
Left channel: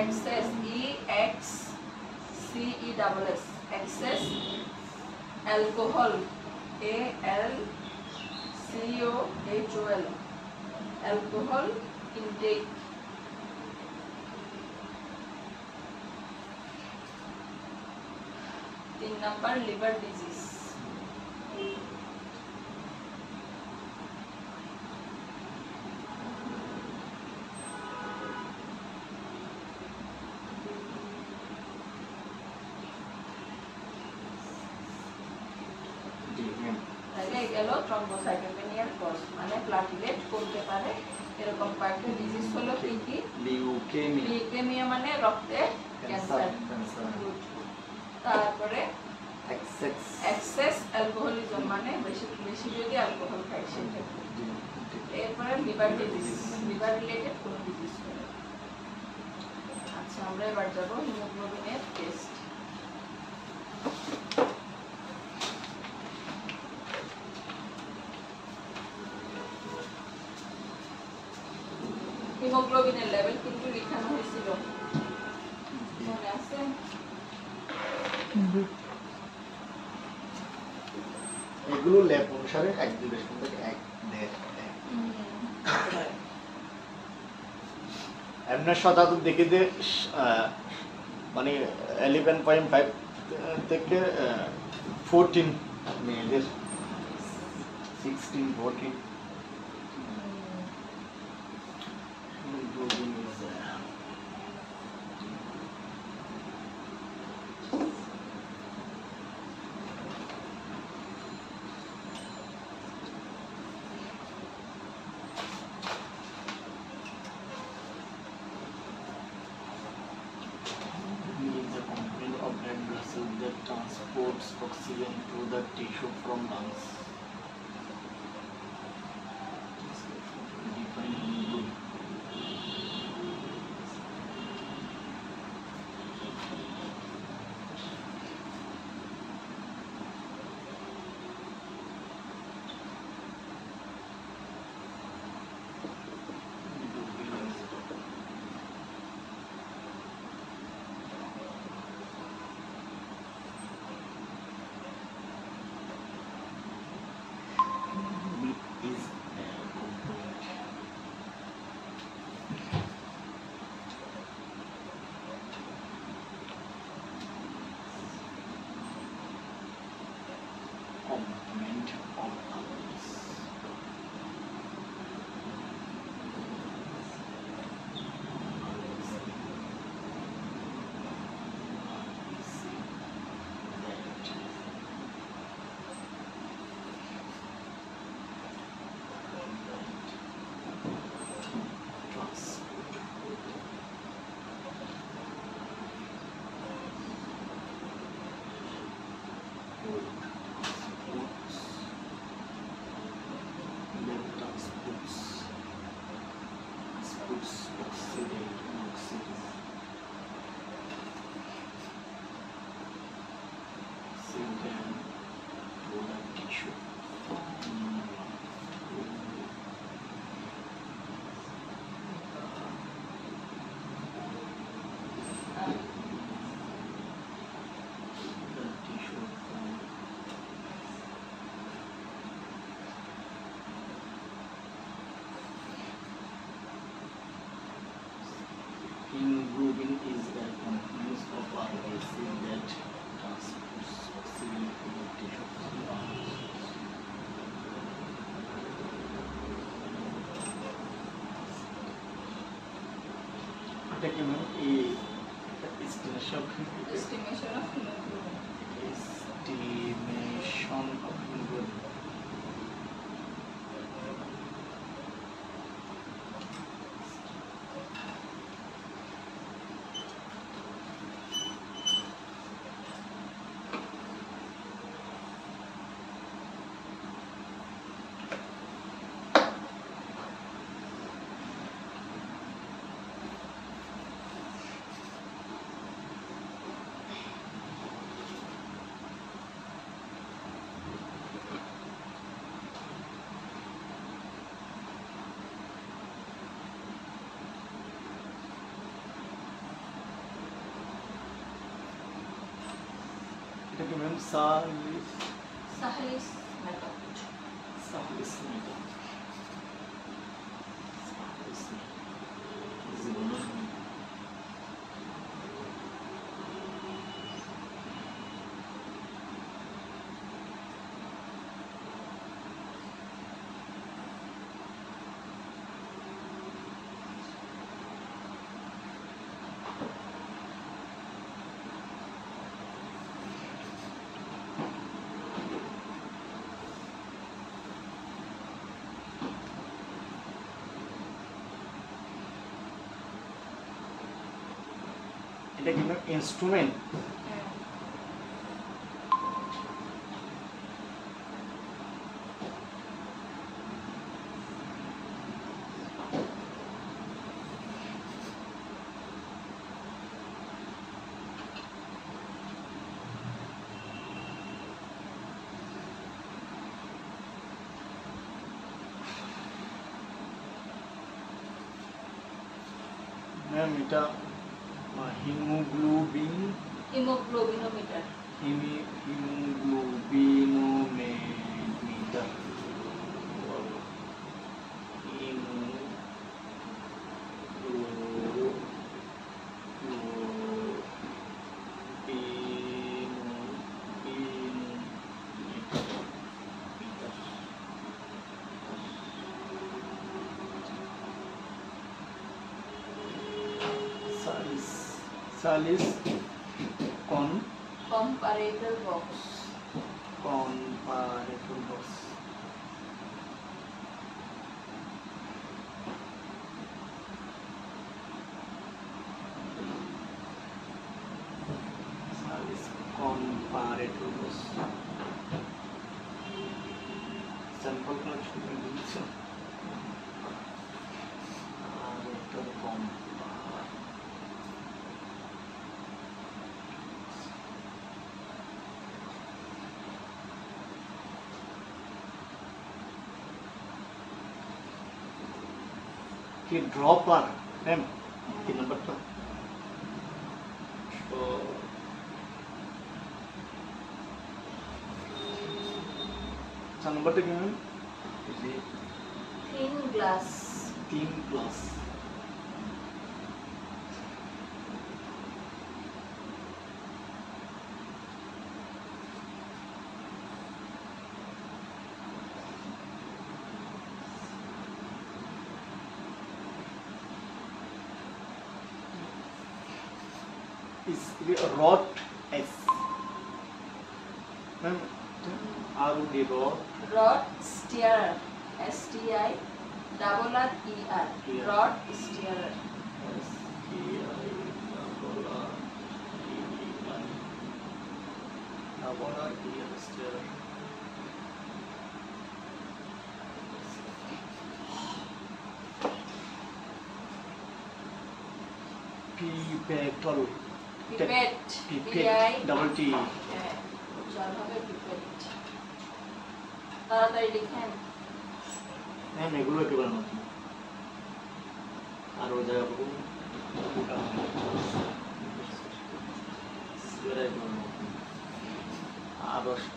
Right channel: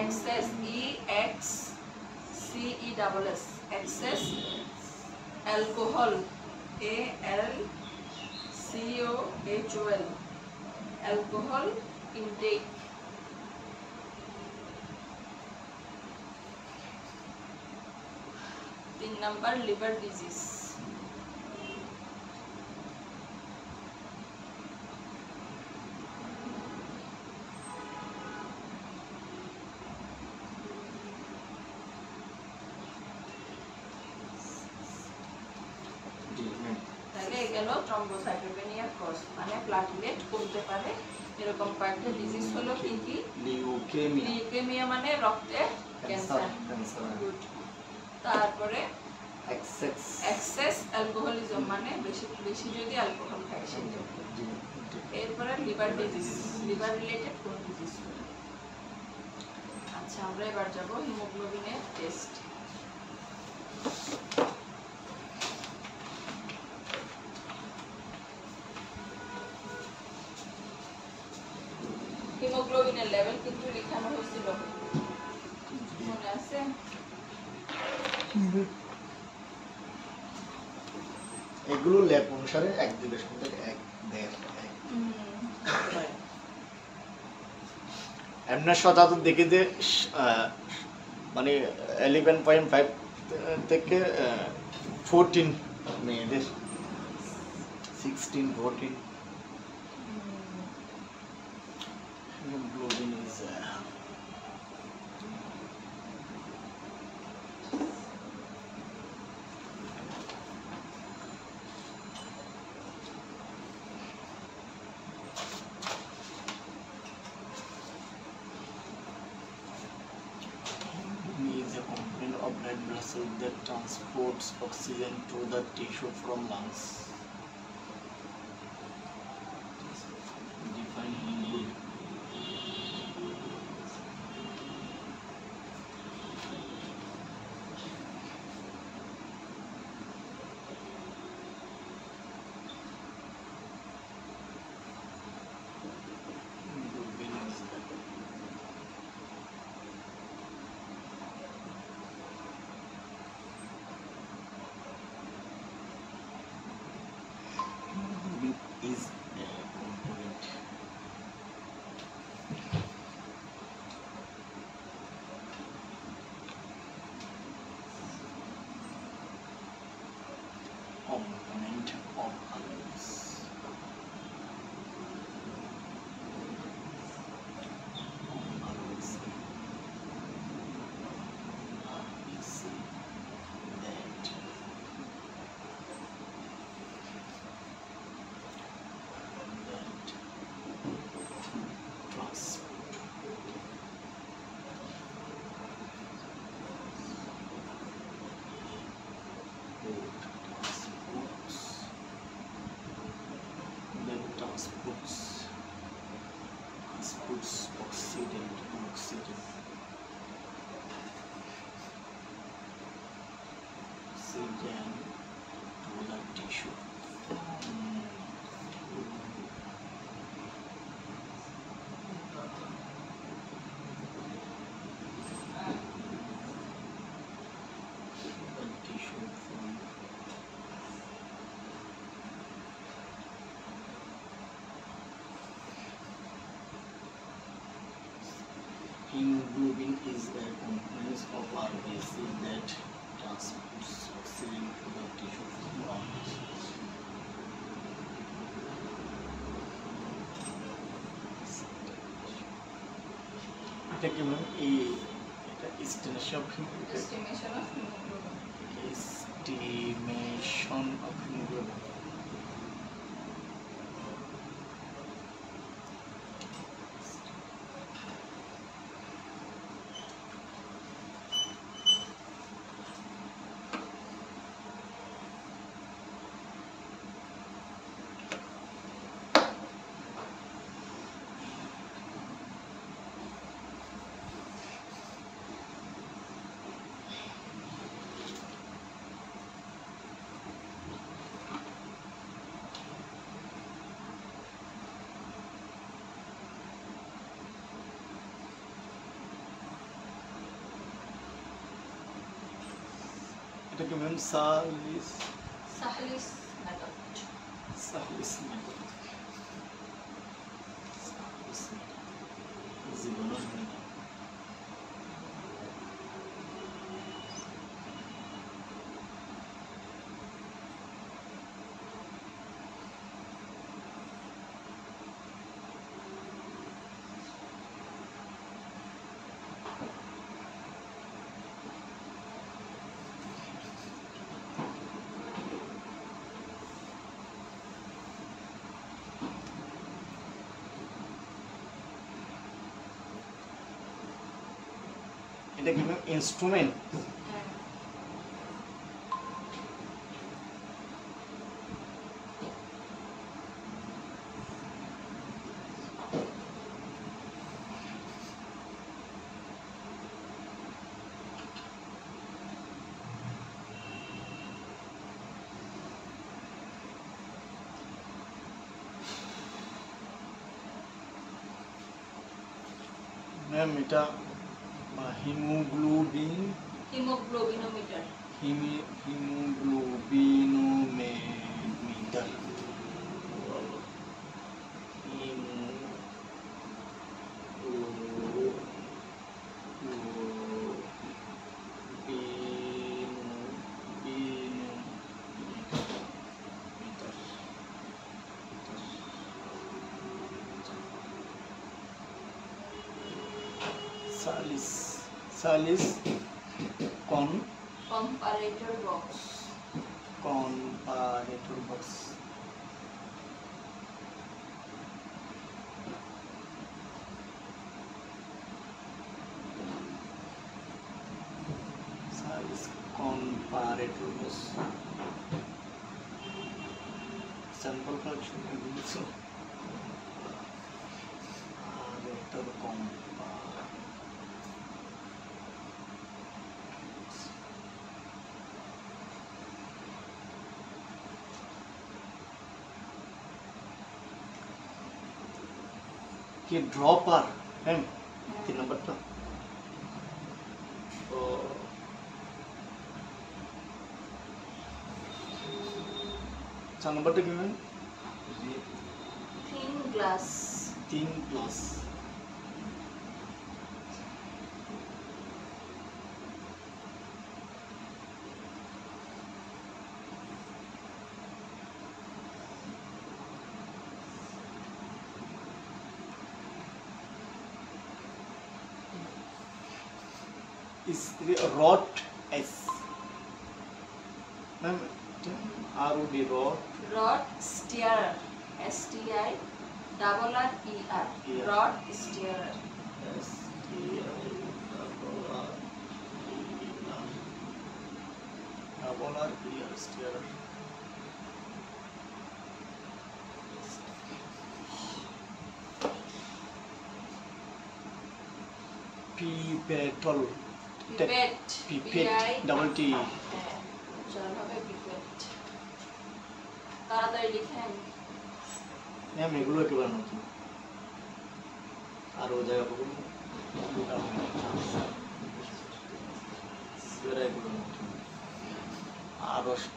Excess, EXCESS, excess. Alcohol, ALCOHOL, alcohol intake. 3 number liver disease. গেল থ্রম্বোসাইটোপেনিয়ার কজ, মানে প্লেটলেট কমতে পারে। এরকম কয়েকটা ডিজিজ হলো কি কি? লিউকেমিয়া লিউকেমিয়া মানে রক্তের ক্যান্সার। Good. তারপরে এক্সেস অ্যালকোহলিজম মানে বেশি বেশি যদি অ্যালকোহল খায় সেটা। এরপরে লিভার ডিজিজ, লিভার রিলেটেড কোন ডিজিজ হলো। আচ্ছা আমরা এবার যাব হিমোগ্লোবিনের টেস্ট। হিমোগ্লোবিনের লেভেল কিন্তু লেখানো হয়েছিল, মনে আছে? এগুলো ল্যাব অনুসারে 1.2 থেকে 1.5 এমনি শতাব্দী দেখি যে মানে 11.5 থেকে 14 মেয়েদের 16-14 hemoglobin is is a component of blood vessel that transports oxygen to the tissue from lungs. Define hemoglobin. Hemoglobin is is a component of others. Transports oxygen to the tissue from the tissue from hemoglobin is a component of RBC that transports oxygen to the tissue from lungs. এটা কি এই estimation estimation of haemoglobin. of hemoglobin. এটা কি ম্যাম সালিস সাহলিস মেথড। সালিস মেথড জীবনের মেথড এটা কি ইনস্ট্রুমেন্ট? হ্যাঁ। ম্যাম এটা হিমোগ্লোবিন হিমোগ্লোবিনোমিটার। হিমোগ্লোবিনোমিটার salis comparator box. comparator box salis comparator box sample collection দিয়েছে আর একটা কম कि ड्रॉपर मैम 3 नंबर का तो 4 नंबर टा কি ma'am Thin glass. 3 plus is rot s ma'am ROD rot Rod steerer. STI double R E R. Yeah. Rod steerer. S T I double R E R steering pipetal Pipette. pipette double T হ্যাঁ, উচ্চারণ হবে pipette. তাড়াতাড়ি লিখেন। मैम এগুলো একেবারে নতুন আর ওই জায়গা পাবো এরা এগুলো নতুন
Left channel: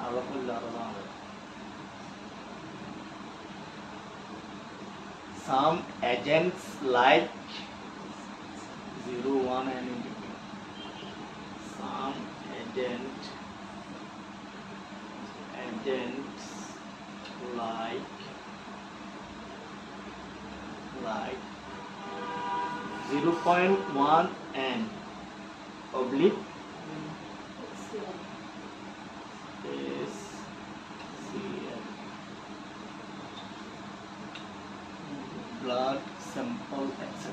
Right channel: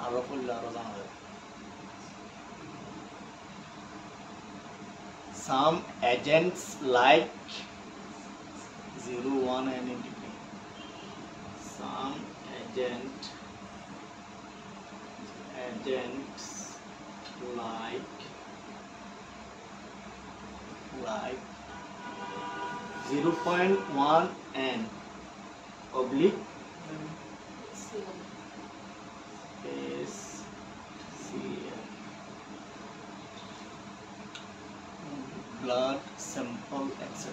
আরো করলে আরো জানা যায় some agents like 0 1 and independent some agents like 0.1 and oblique SCL blood sample etc.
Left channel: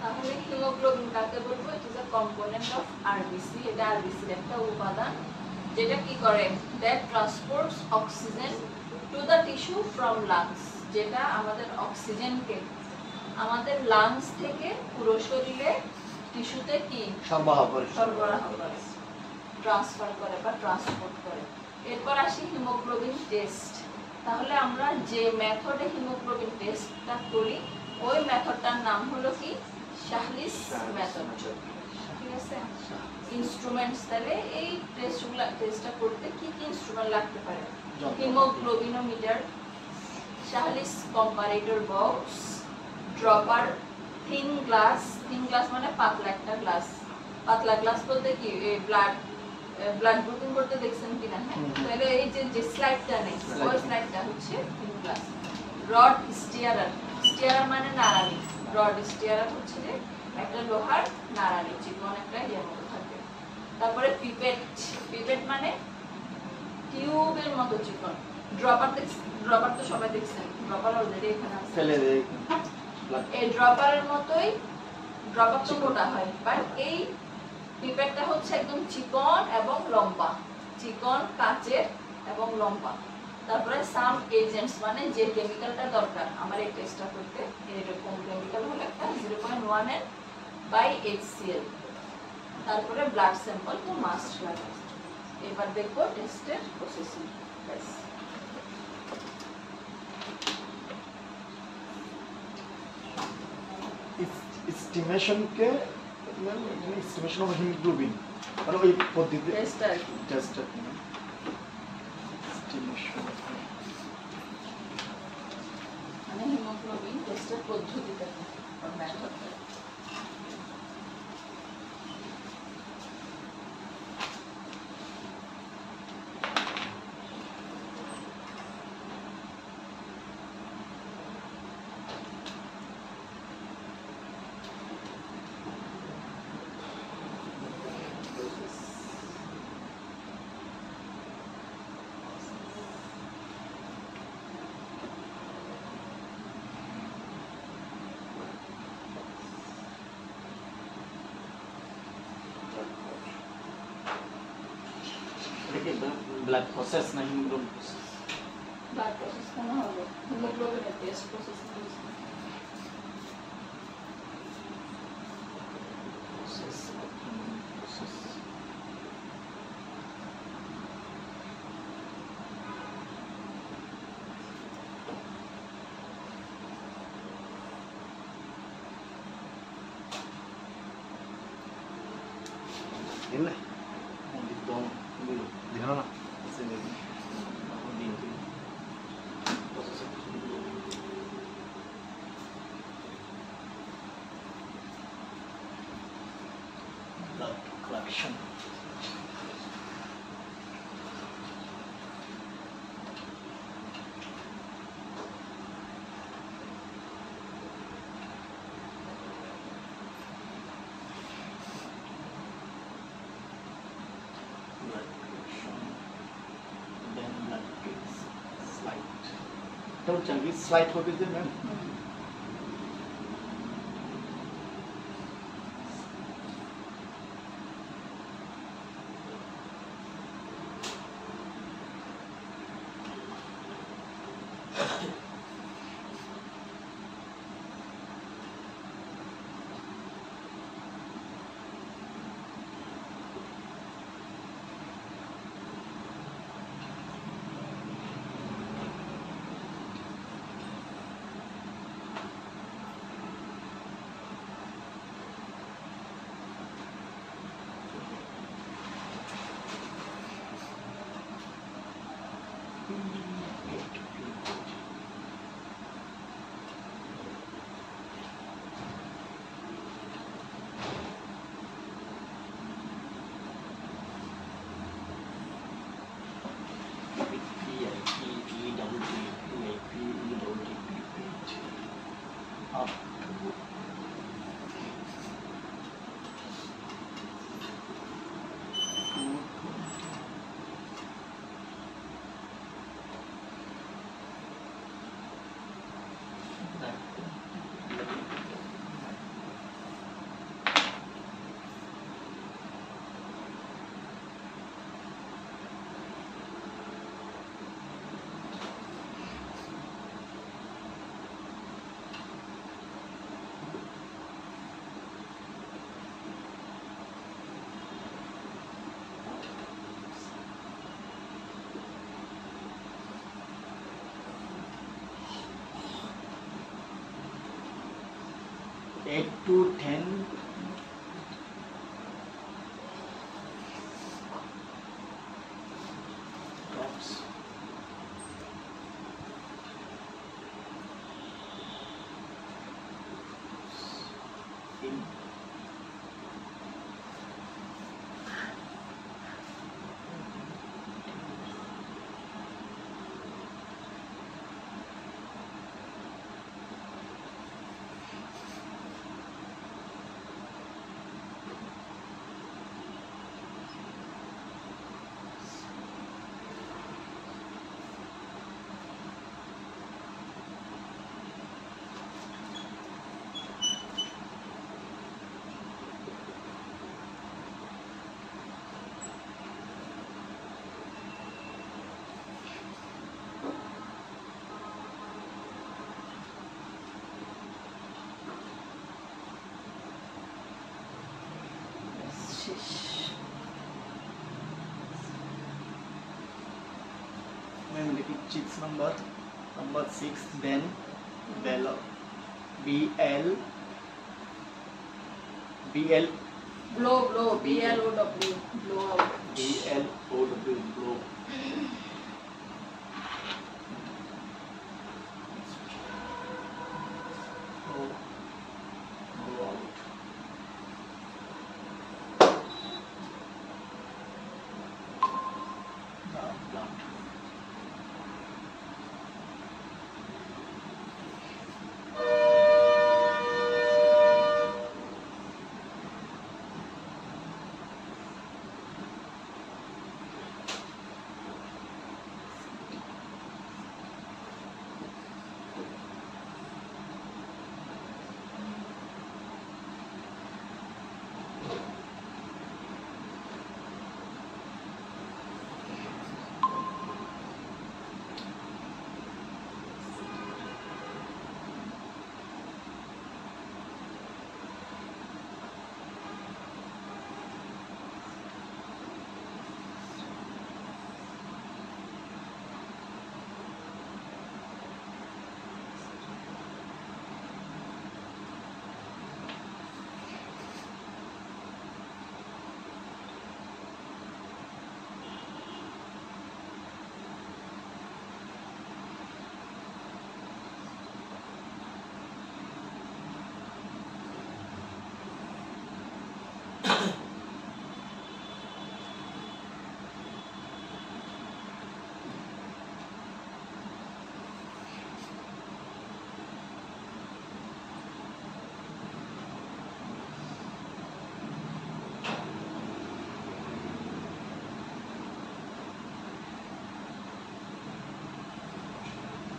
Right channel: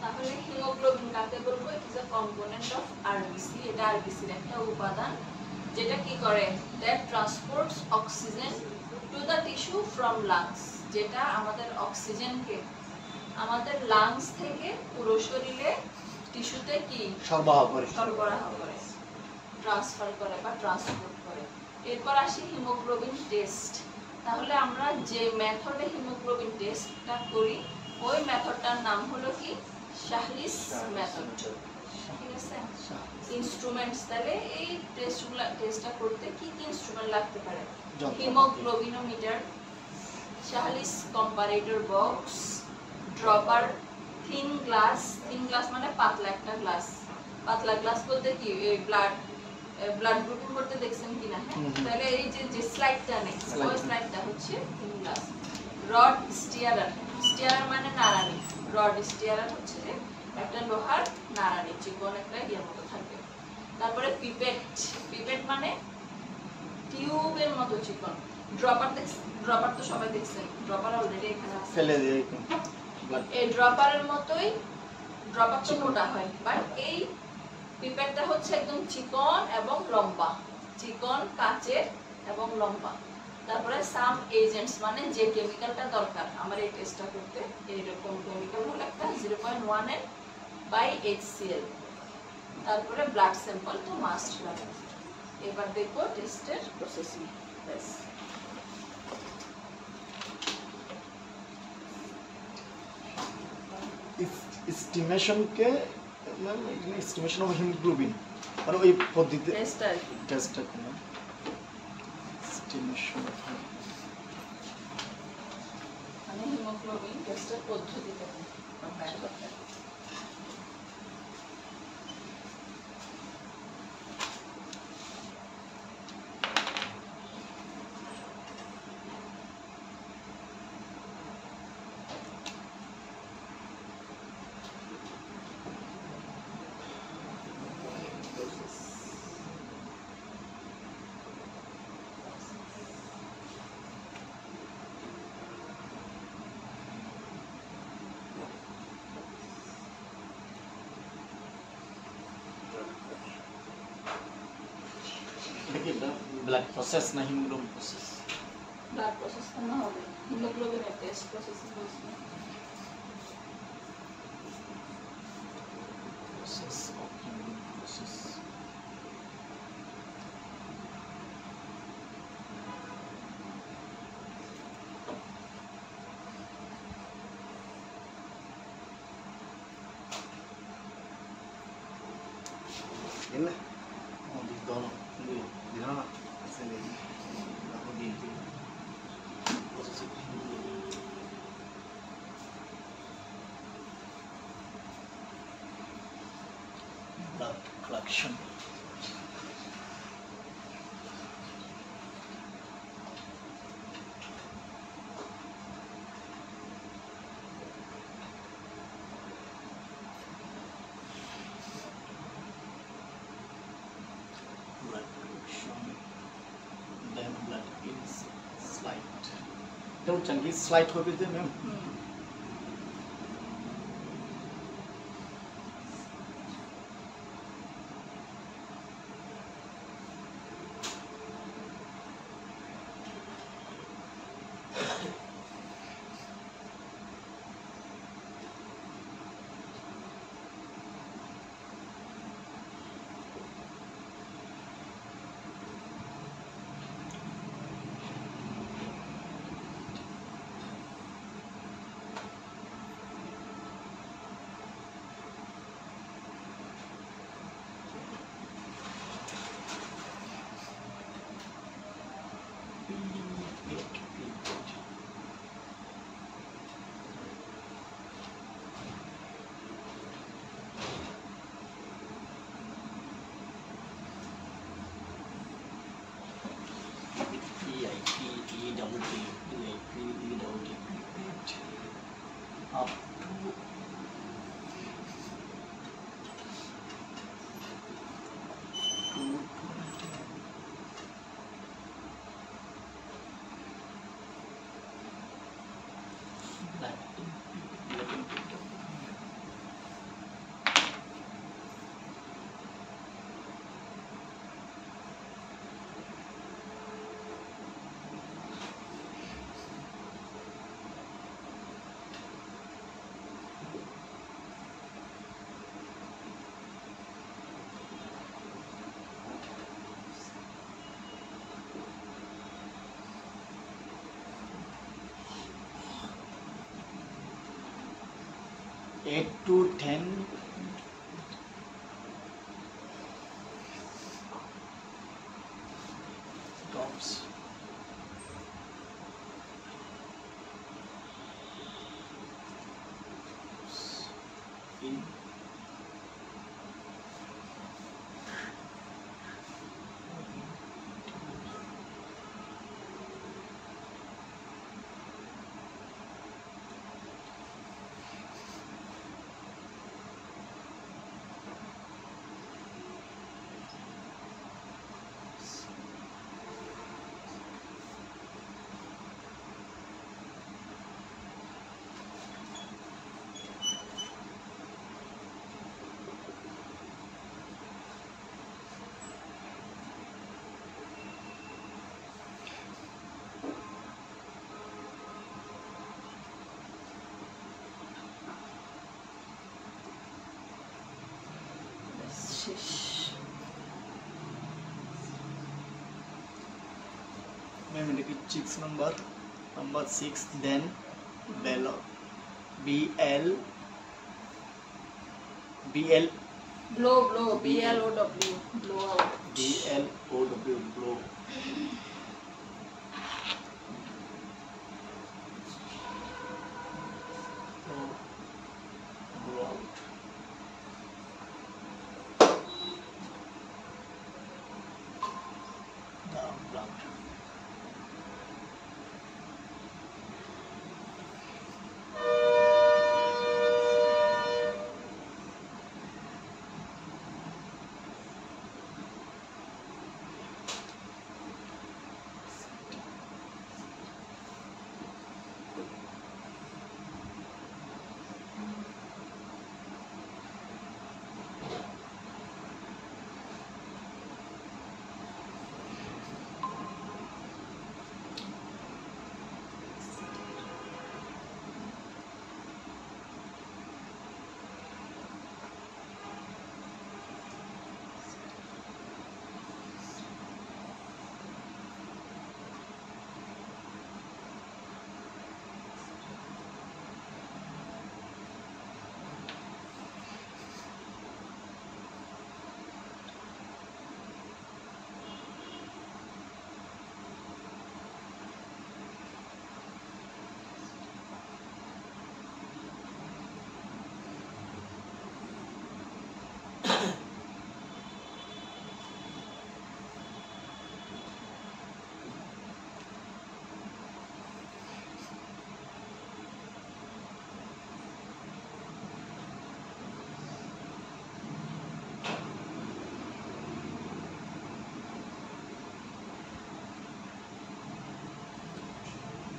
তাহলে হিমোগ্লোবিন কাকে বলবো? It is a component of RBC. এটা আরবিসির একটা উপাদান যেটা কি করে? That transports oxygen to the tissue from lungs. যেটা আমাদের অক্সিজেনকে আমাদের লাংস থেকে পুরো শরীরে টিস্যুতে কি সরবরাহ করে ট্রান্সফার করে বা ট্রান্সপোর্ট করে। এরপর আসি হিমোগ্লোবিন টেস্ট। তাহলে আমরা যে মেথডে হিমোগ্লোবিন টেস্টটা করি ওই মেথডটার নাম হলো কি? শাহলিস মেথড। ঠিক আছে? ইনস্ট্রুমেন্টস, তাহলে এই টেস্টটা করতে কি কি ইনস্ট্রুমেন্ট লাগতে পারে? Haemoglobinometer, Sahli's comparator box, dropper, thin glass মানে পাতলা একটা গ্লাস। পাতলা গ্লাস বলতে কি? এই ব্লাড গ্রুপিং করতে দেখছেন কিনা? হ্যাঁ, তাহলে এই যে স্লাইডটা নেই ওই স্লাইডটা হচ্ছে থিন গ্লাস। রড স্টিয়ারার স্টিয়ারার মানে নাড়ানি, রড স্টিয়ারার হচ্ছে যে একটা লোহার নাড়ানি, চিকন একটা ইয়ের মতো থাকবে। তারপরে পিপেট, পিপেট মানে টিউবের মতো চিকন। ড্রপার ড্রপার তো সবাই দেখছেন, ড্রপার অলরেডি এখানে আছে। ফেলে দেই এই ড্রপারের মতোই, ড্রপার তো চিকন। মোটা হয়, বাট এই পিপেটটা হচ্ছে একদম চিকন এবং লম্বা, চিকন কাচের এবং লম্বা। তারপরে সাম এজেন্টস মানে যে কেমিক্যালটা দরকার আমার এই টেস্টটা করতে, এরকম কেমিক্যাল হলো একটা 0.1 N বাই HCl। তারপরে ব্লাড স্যাম্পল তো মাস্ট লাগে। এবার দেখবো টেস্টের প্রসেসিং। ব্যাস। এস্টিমেশনকে এস্টিমেশন অফ হিমোগ্লোবিন মানে ওই পদ্ধতি টেস্টটা কি? টেস্টটা কি না এস্টিমেশন মানে হিমোগ্লোবিন টেস্টের পদ্ধতিটা কি? ব্লাড প্রসেস না হিমোগ্লোবিন প্রসেস ব্লাড প্রসেস কেন হবে? হিমোগ্লোবিনের টেস্ট প্রসেসিং বলছি। প্রসেস অফ হিমোগ্লোবিন প্রসেস দিলে আমাদের দম দিল না blood collection. Blood collection. Then blood is slide. Don't change slide হবে যে ma'am up to eight to 10 drops in 6 number 6, then below BL blow, blow, B-L-O-W, blow out. BLOW, blow. Blow out.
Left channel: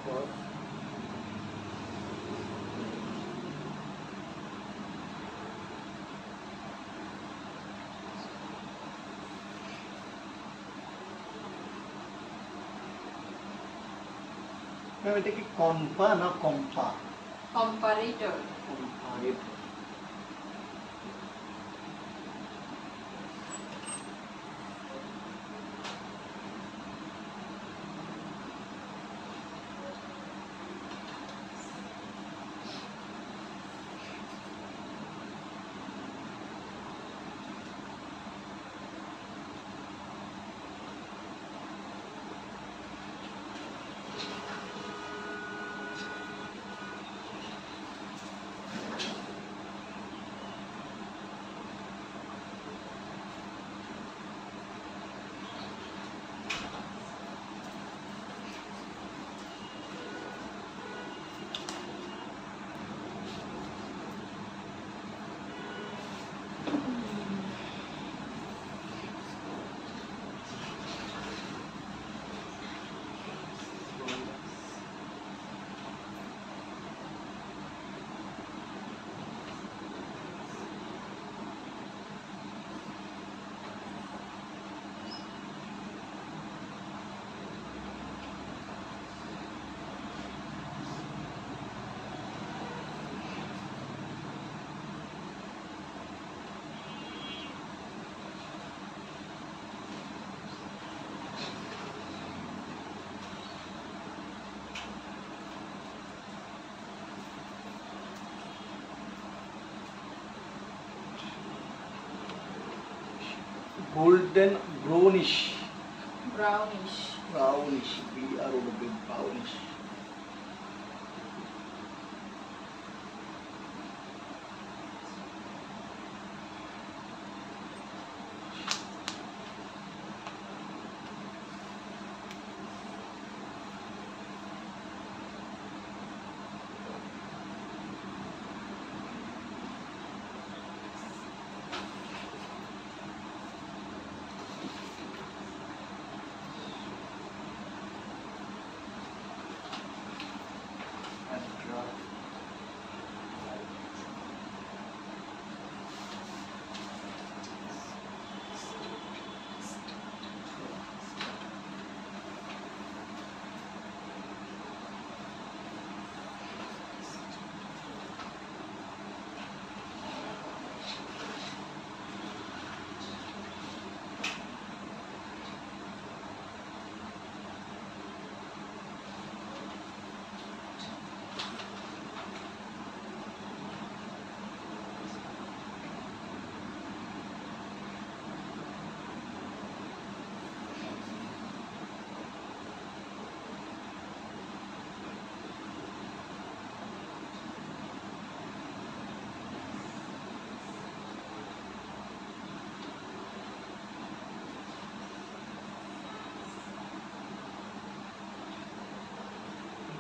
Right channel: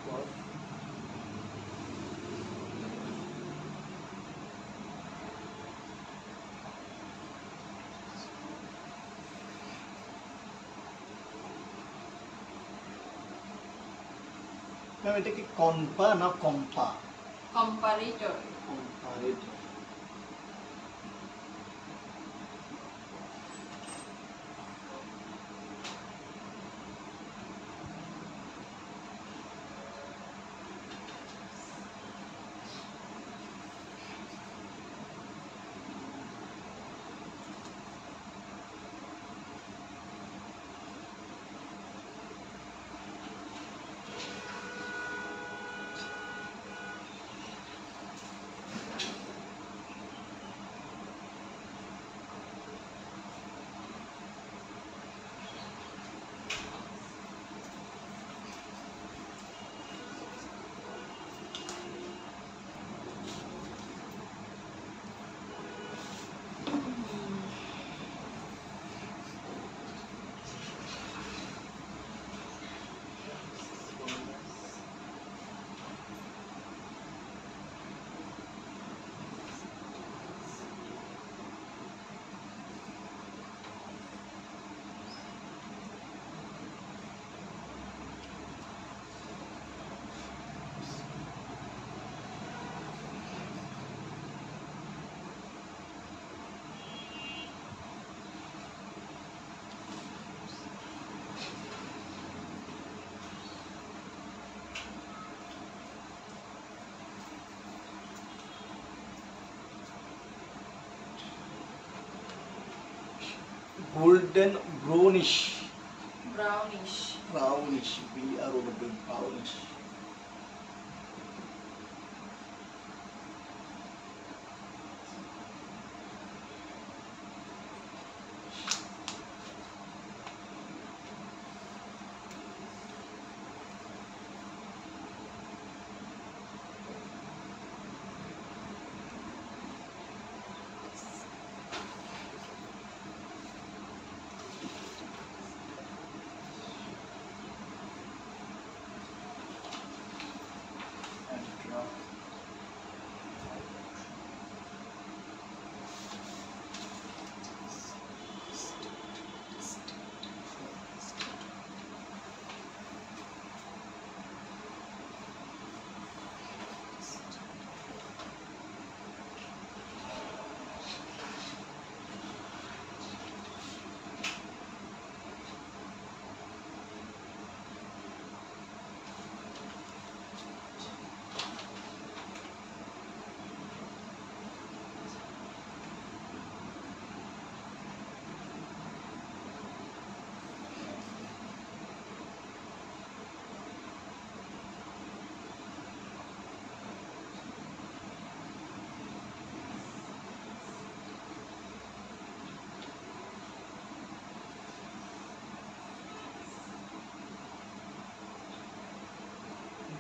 Blood. এটা কি কম্পা না কম্পা? Comparator. Comparator. Golden brownish, Brownish. Brownish, BROW, brownish.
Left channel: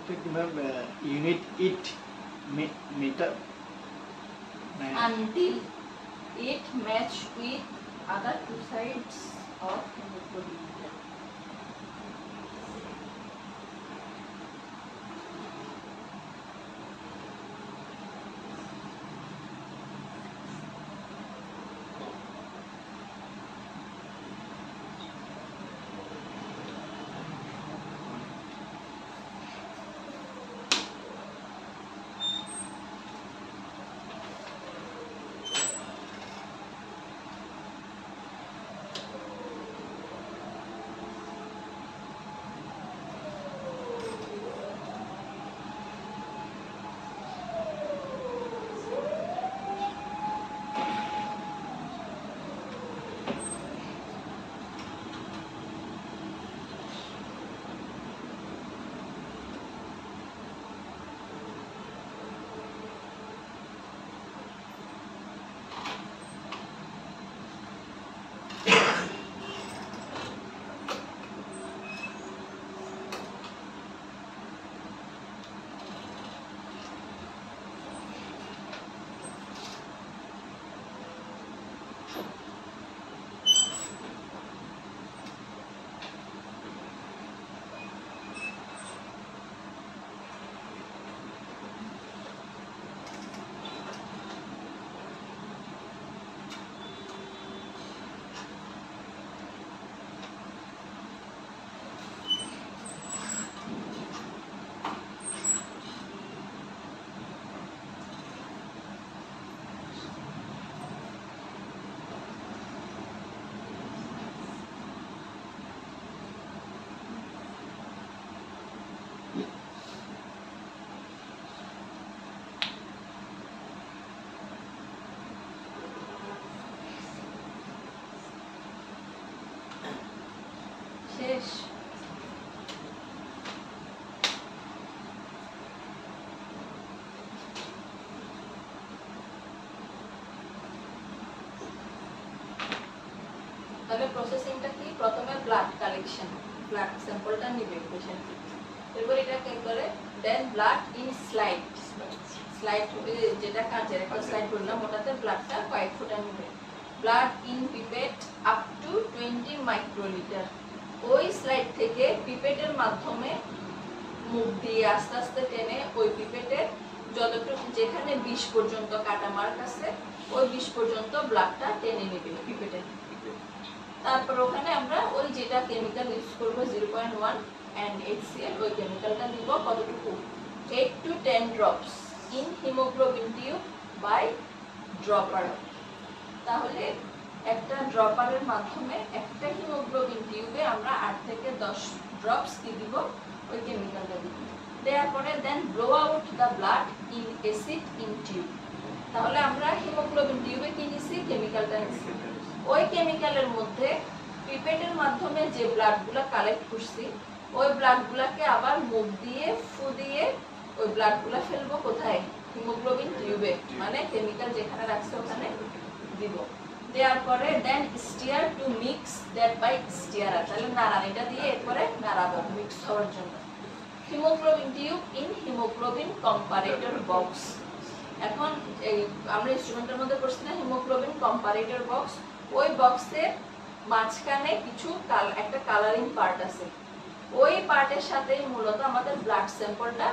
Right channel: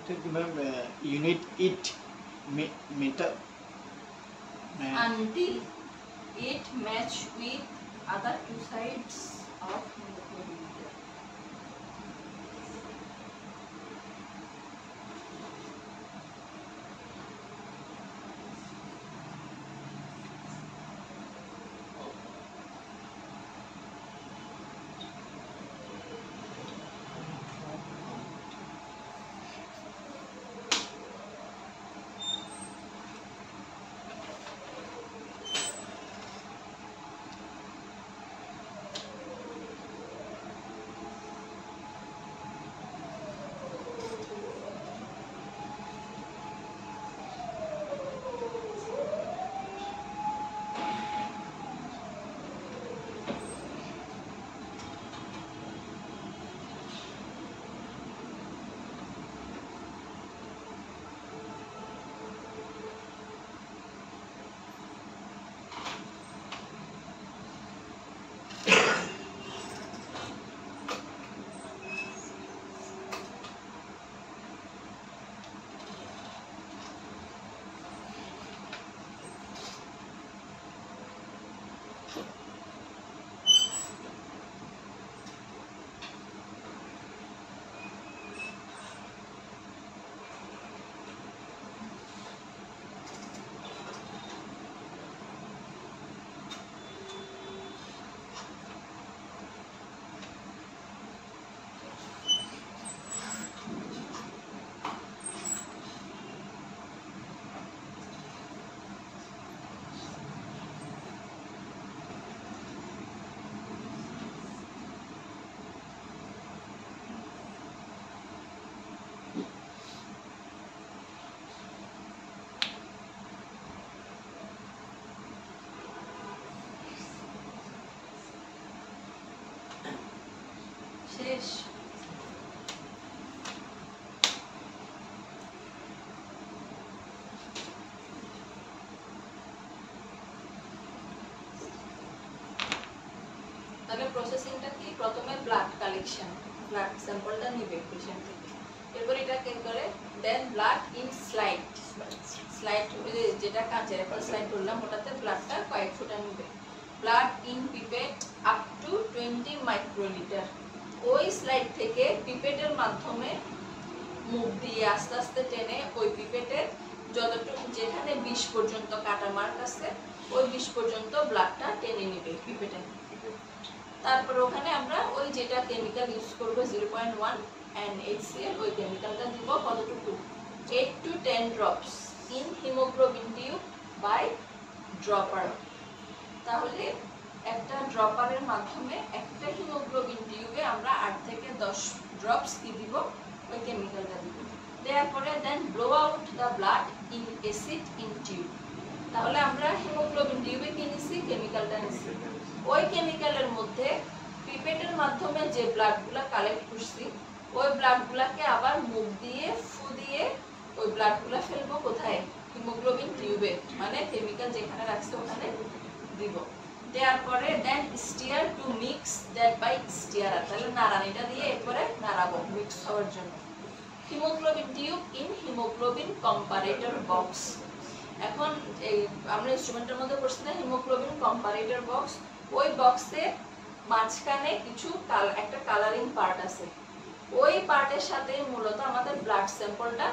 unit it meter until it match with other two sides of hemoglobin. শেষ। তাহলে প্রসেসিংটা কি? প্রথমে ব্লাড কালেকশন, ব্লাড স্যাম্পলটা নিবে পেশেন্ট থেকে, এরপর এটা কে করে দেন ব্লাড ইন স্লাইড, স্লাইড যেটা কাঁচের একটা স্লাইড বললাম ওটাতে ব্লাডটা কয়েক ফোঁটা নিবে। Blood in pipette up to 20 মাইক্রোলিটার, ওই স্লাইড থেকে পিপেটের মাধ্যমে মুখ দিয়ে আস্তে আস্তে টেনে ওই পিপেটের যতটুকু যেখানে 20 পর্যন্ত কাটা মার্ক আছে ওই 20 পর্যন্ত ব্লাডটা টেনে নেবে পিপেটের। তারপর ওখানে আমরা ওই যেটা কেমিক্যাল ইউজ করব 0.1 and HCl, ওই কেমিক্যালটা দিব কতটুকু 8 to 10 drops in hemoglobin tube by dropper। তাহলে একটা ড্রপারের মাধ্যমে একটা হিমোগ্লোবিন টিউবে আমরা 8 থেকে 10 ড্রপস কি দিব ওই কেমিক্যালটা দিব। দেওয়ার পরে then blow out the blood in acid in tube. তাহলে আমরা হিমোগ্লোবিন টিউবে কি নিছি? কেমিক্যালটা নিছি। ওই কেমিক্যালের মধ্যে পিপেটের মাধ্যমে যে ব্লাডগুলো কালেক্ট করছি ওই ব্লাডগুলোকে আবার মুখ দিয়ে ফু দিয়ে ওই ব্লাডগুলো ফেলবো কোথায়? হিমোগ্লোবিন টিউবে, মানে কেমিক্যাল যেখানে রাখছি ওখানে দিব। দেওয়ার পরে then stir to mix that by stirrer, তাহলে নাড়ানিটা দিয়ে এরপরে নাড়াবো মিক্স হওয়ার জন্য। Haemoglobin tube in haemoglobin comparator box. এখন এই আমরা ইনস্ট্রুমেন্টের মধ্যে পড়ছি না হিমোগ্লোবিন কম্পারেটর বক্স, ওই বক্সে মাঝখানে কিছু একটা কালারিং পার্ট আছে, ওই পার্টের সাথে মূলত আমাদের ব্লাড স্যাম্পলটা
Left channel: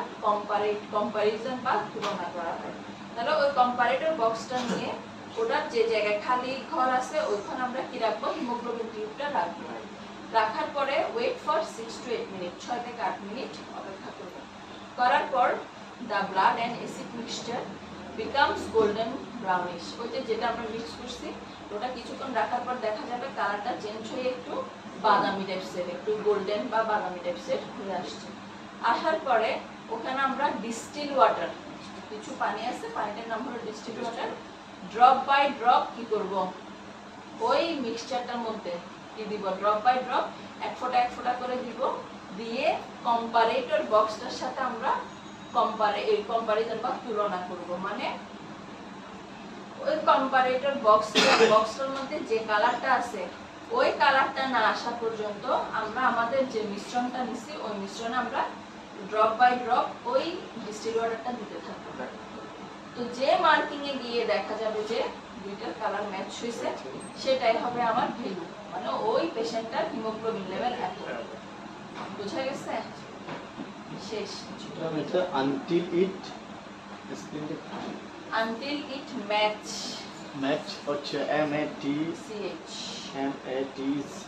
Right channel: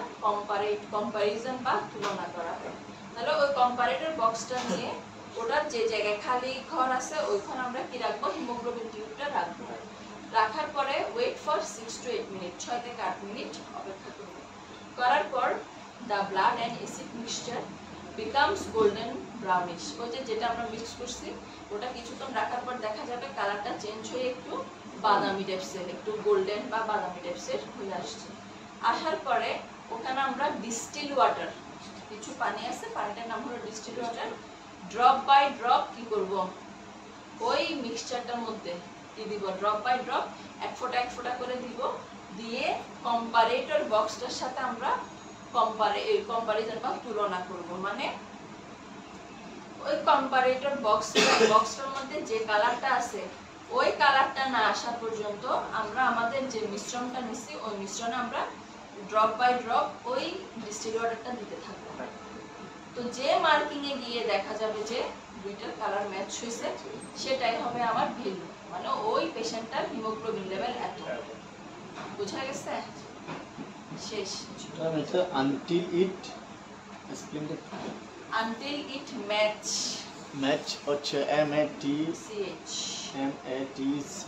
কম্পারিজন বা তুলনা করা হয়। তাহলে ওই কম্পারেটর বক্সটা নিয়ে ওটার যে জায়গায় খালি ঘর আছে ওইখানে আমরা কি রাখবো? হিমোগ্লোবিন টিউবটা রাখবো। রাখার পরে ওয়েট ফর 6 to 8 মিনিট, 6 থেকে 8 মিনিট অপেক্ষা করব। করার পর the blood and acid mixture becomes golden brownish, ওই যেটা আমরা মিক্স করছি ওটা কিছুক্ষণ রাখার পর দেখা যাবে কালারটা চেঞ্জ হয়ে একটু বাদামি টাইপসের, একটু গোল্ডেন বা বাদামি টাইপসের হয়ে আসছে। আসার পরে ওখানে আমরা ডিস্টিল ওয়াটার, কিছু পানি আছে, পানিটার নাম হলো distil water, drop by drop কি করব ওই মিক্সচারটার মধ্যে কি দিব? ড্রপ বাই ড্রপ এক ফোঁটা করে দিব। দিয়ে কম্পারেটর বক্সটার সাথে আমরা কম্পারিজন বা তুলনা করব, মানে ওই কম্পারেটর বক্সটার মধ্যে যে কালারটা আছে ওই কালারটা না আসা পর্যন্ত আমরা আমাদের যে মিশ্রণটা নিছি ওই মিশ্রণে আমরা ড্রপ বাই ড্রপ ওই ডিস্টিল ওয়াটারটা দিতে থাকবো। তো যে মার্কিং এ গিয়ে দেখা যাবে যে দুইটার কালার ম্যাচ হয়েছে, সেটাই হবে আমার ভ্যালু, মানে ওই পেশেন্টটার হিমোগ্লোবিন লেভেল এত। বুঝা গেছে? শেষ। এটা আনটিল ইট explain the until it match match হচ্ছে CH MATC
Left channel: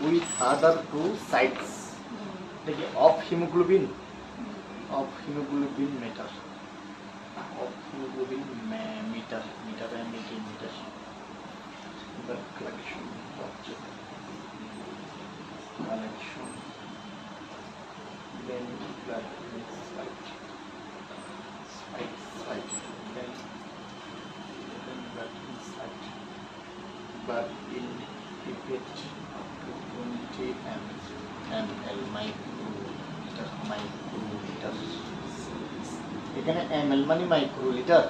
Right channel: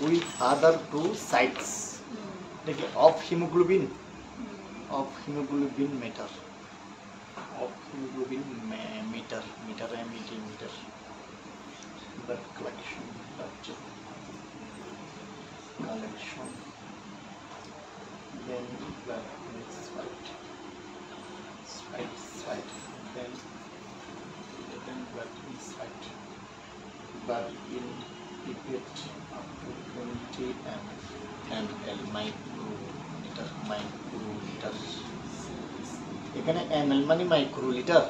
with other two sites like of hemoglobin meter meter blood collection then blood is white then blood inside blood in pipette up to 20 ml microliter এখানে ml মানে microlitre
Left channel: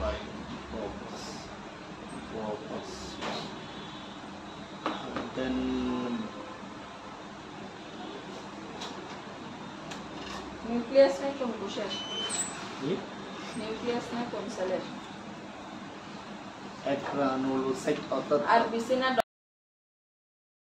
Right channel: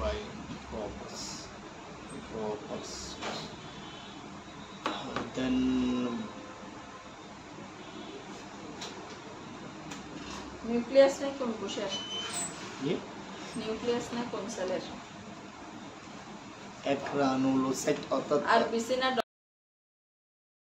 by droppers. Then nucleus না কোন কোষের? yeah, nucleus না কোন সেলের? granulocyte অর্থাৎ আর বিসিনা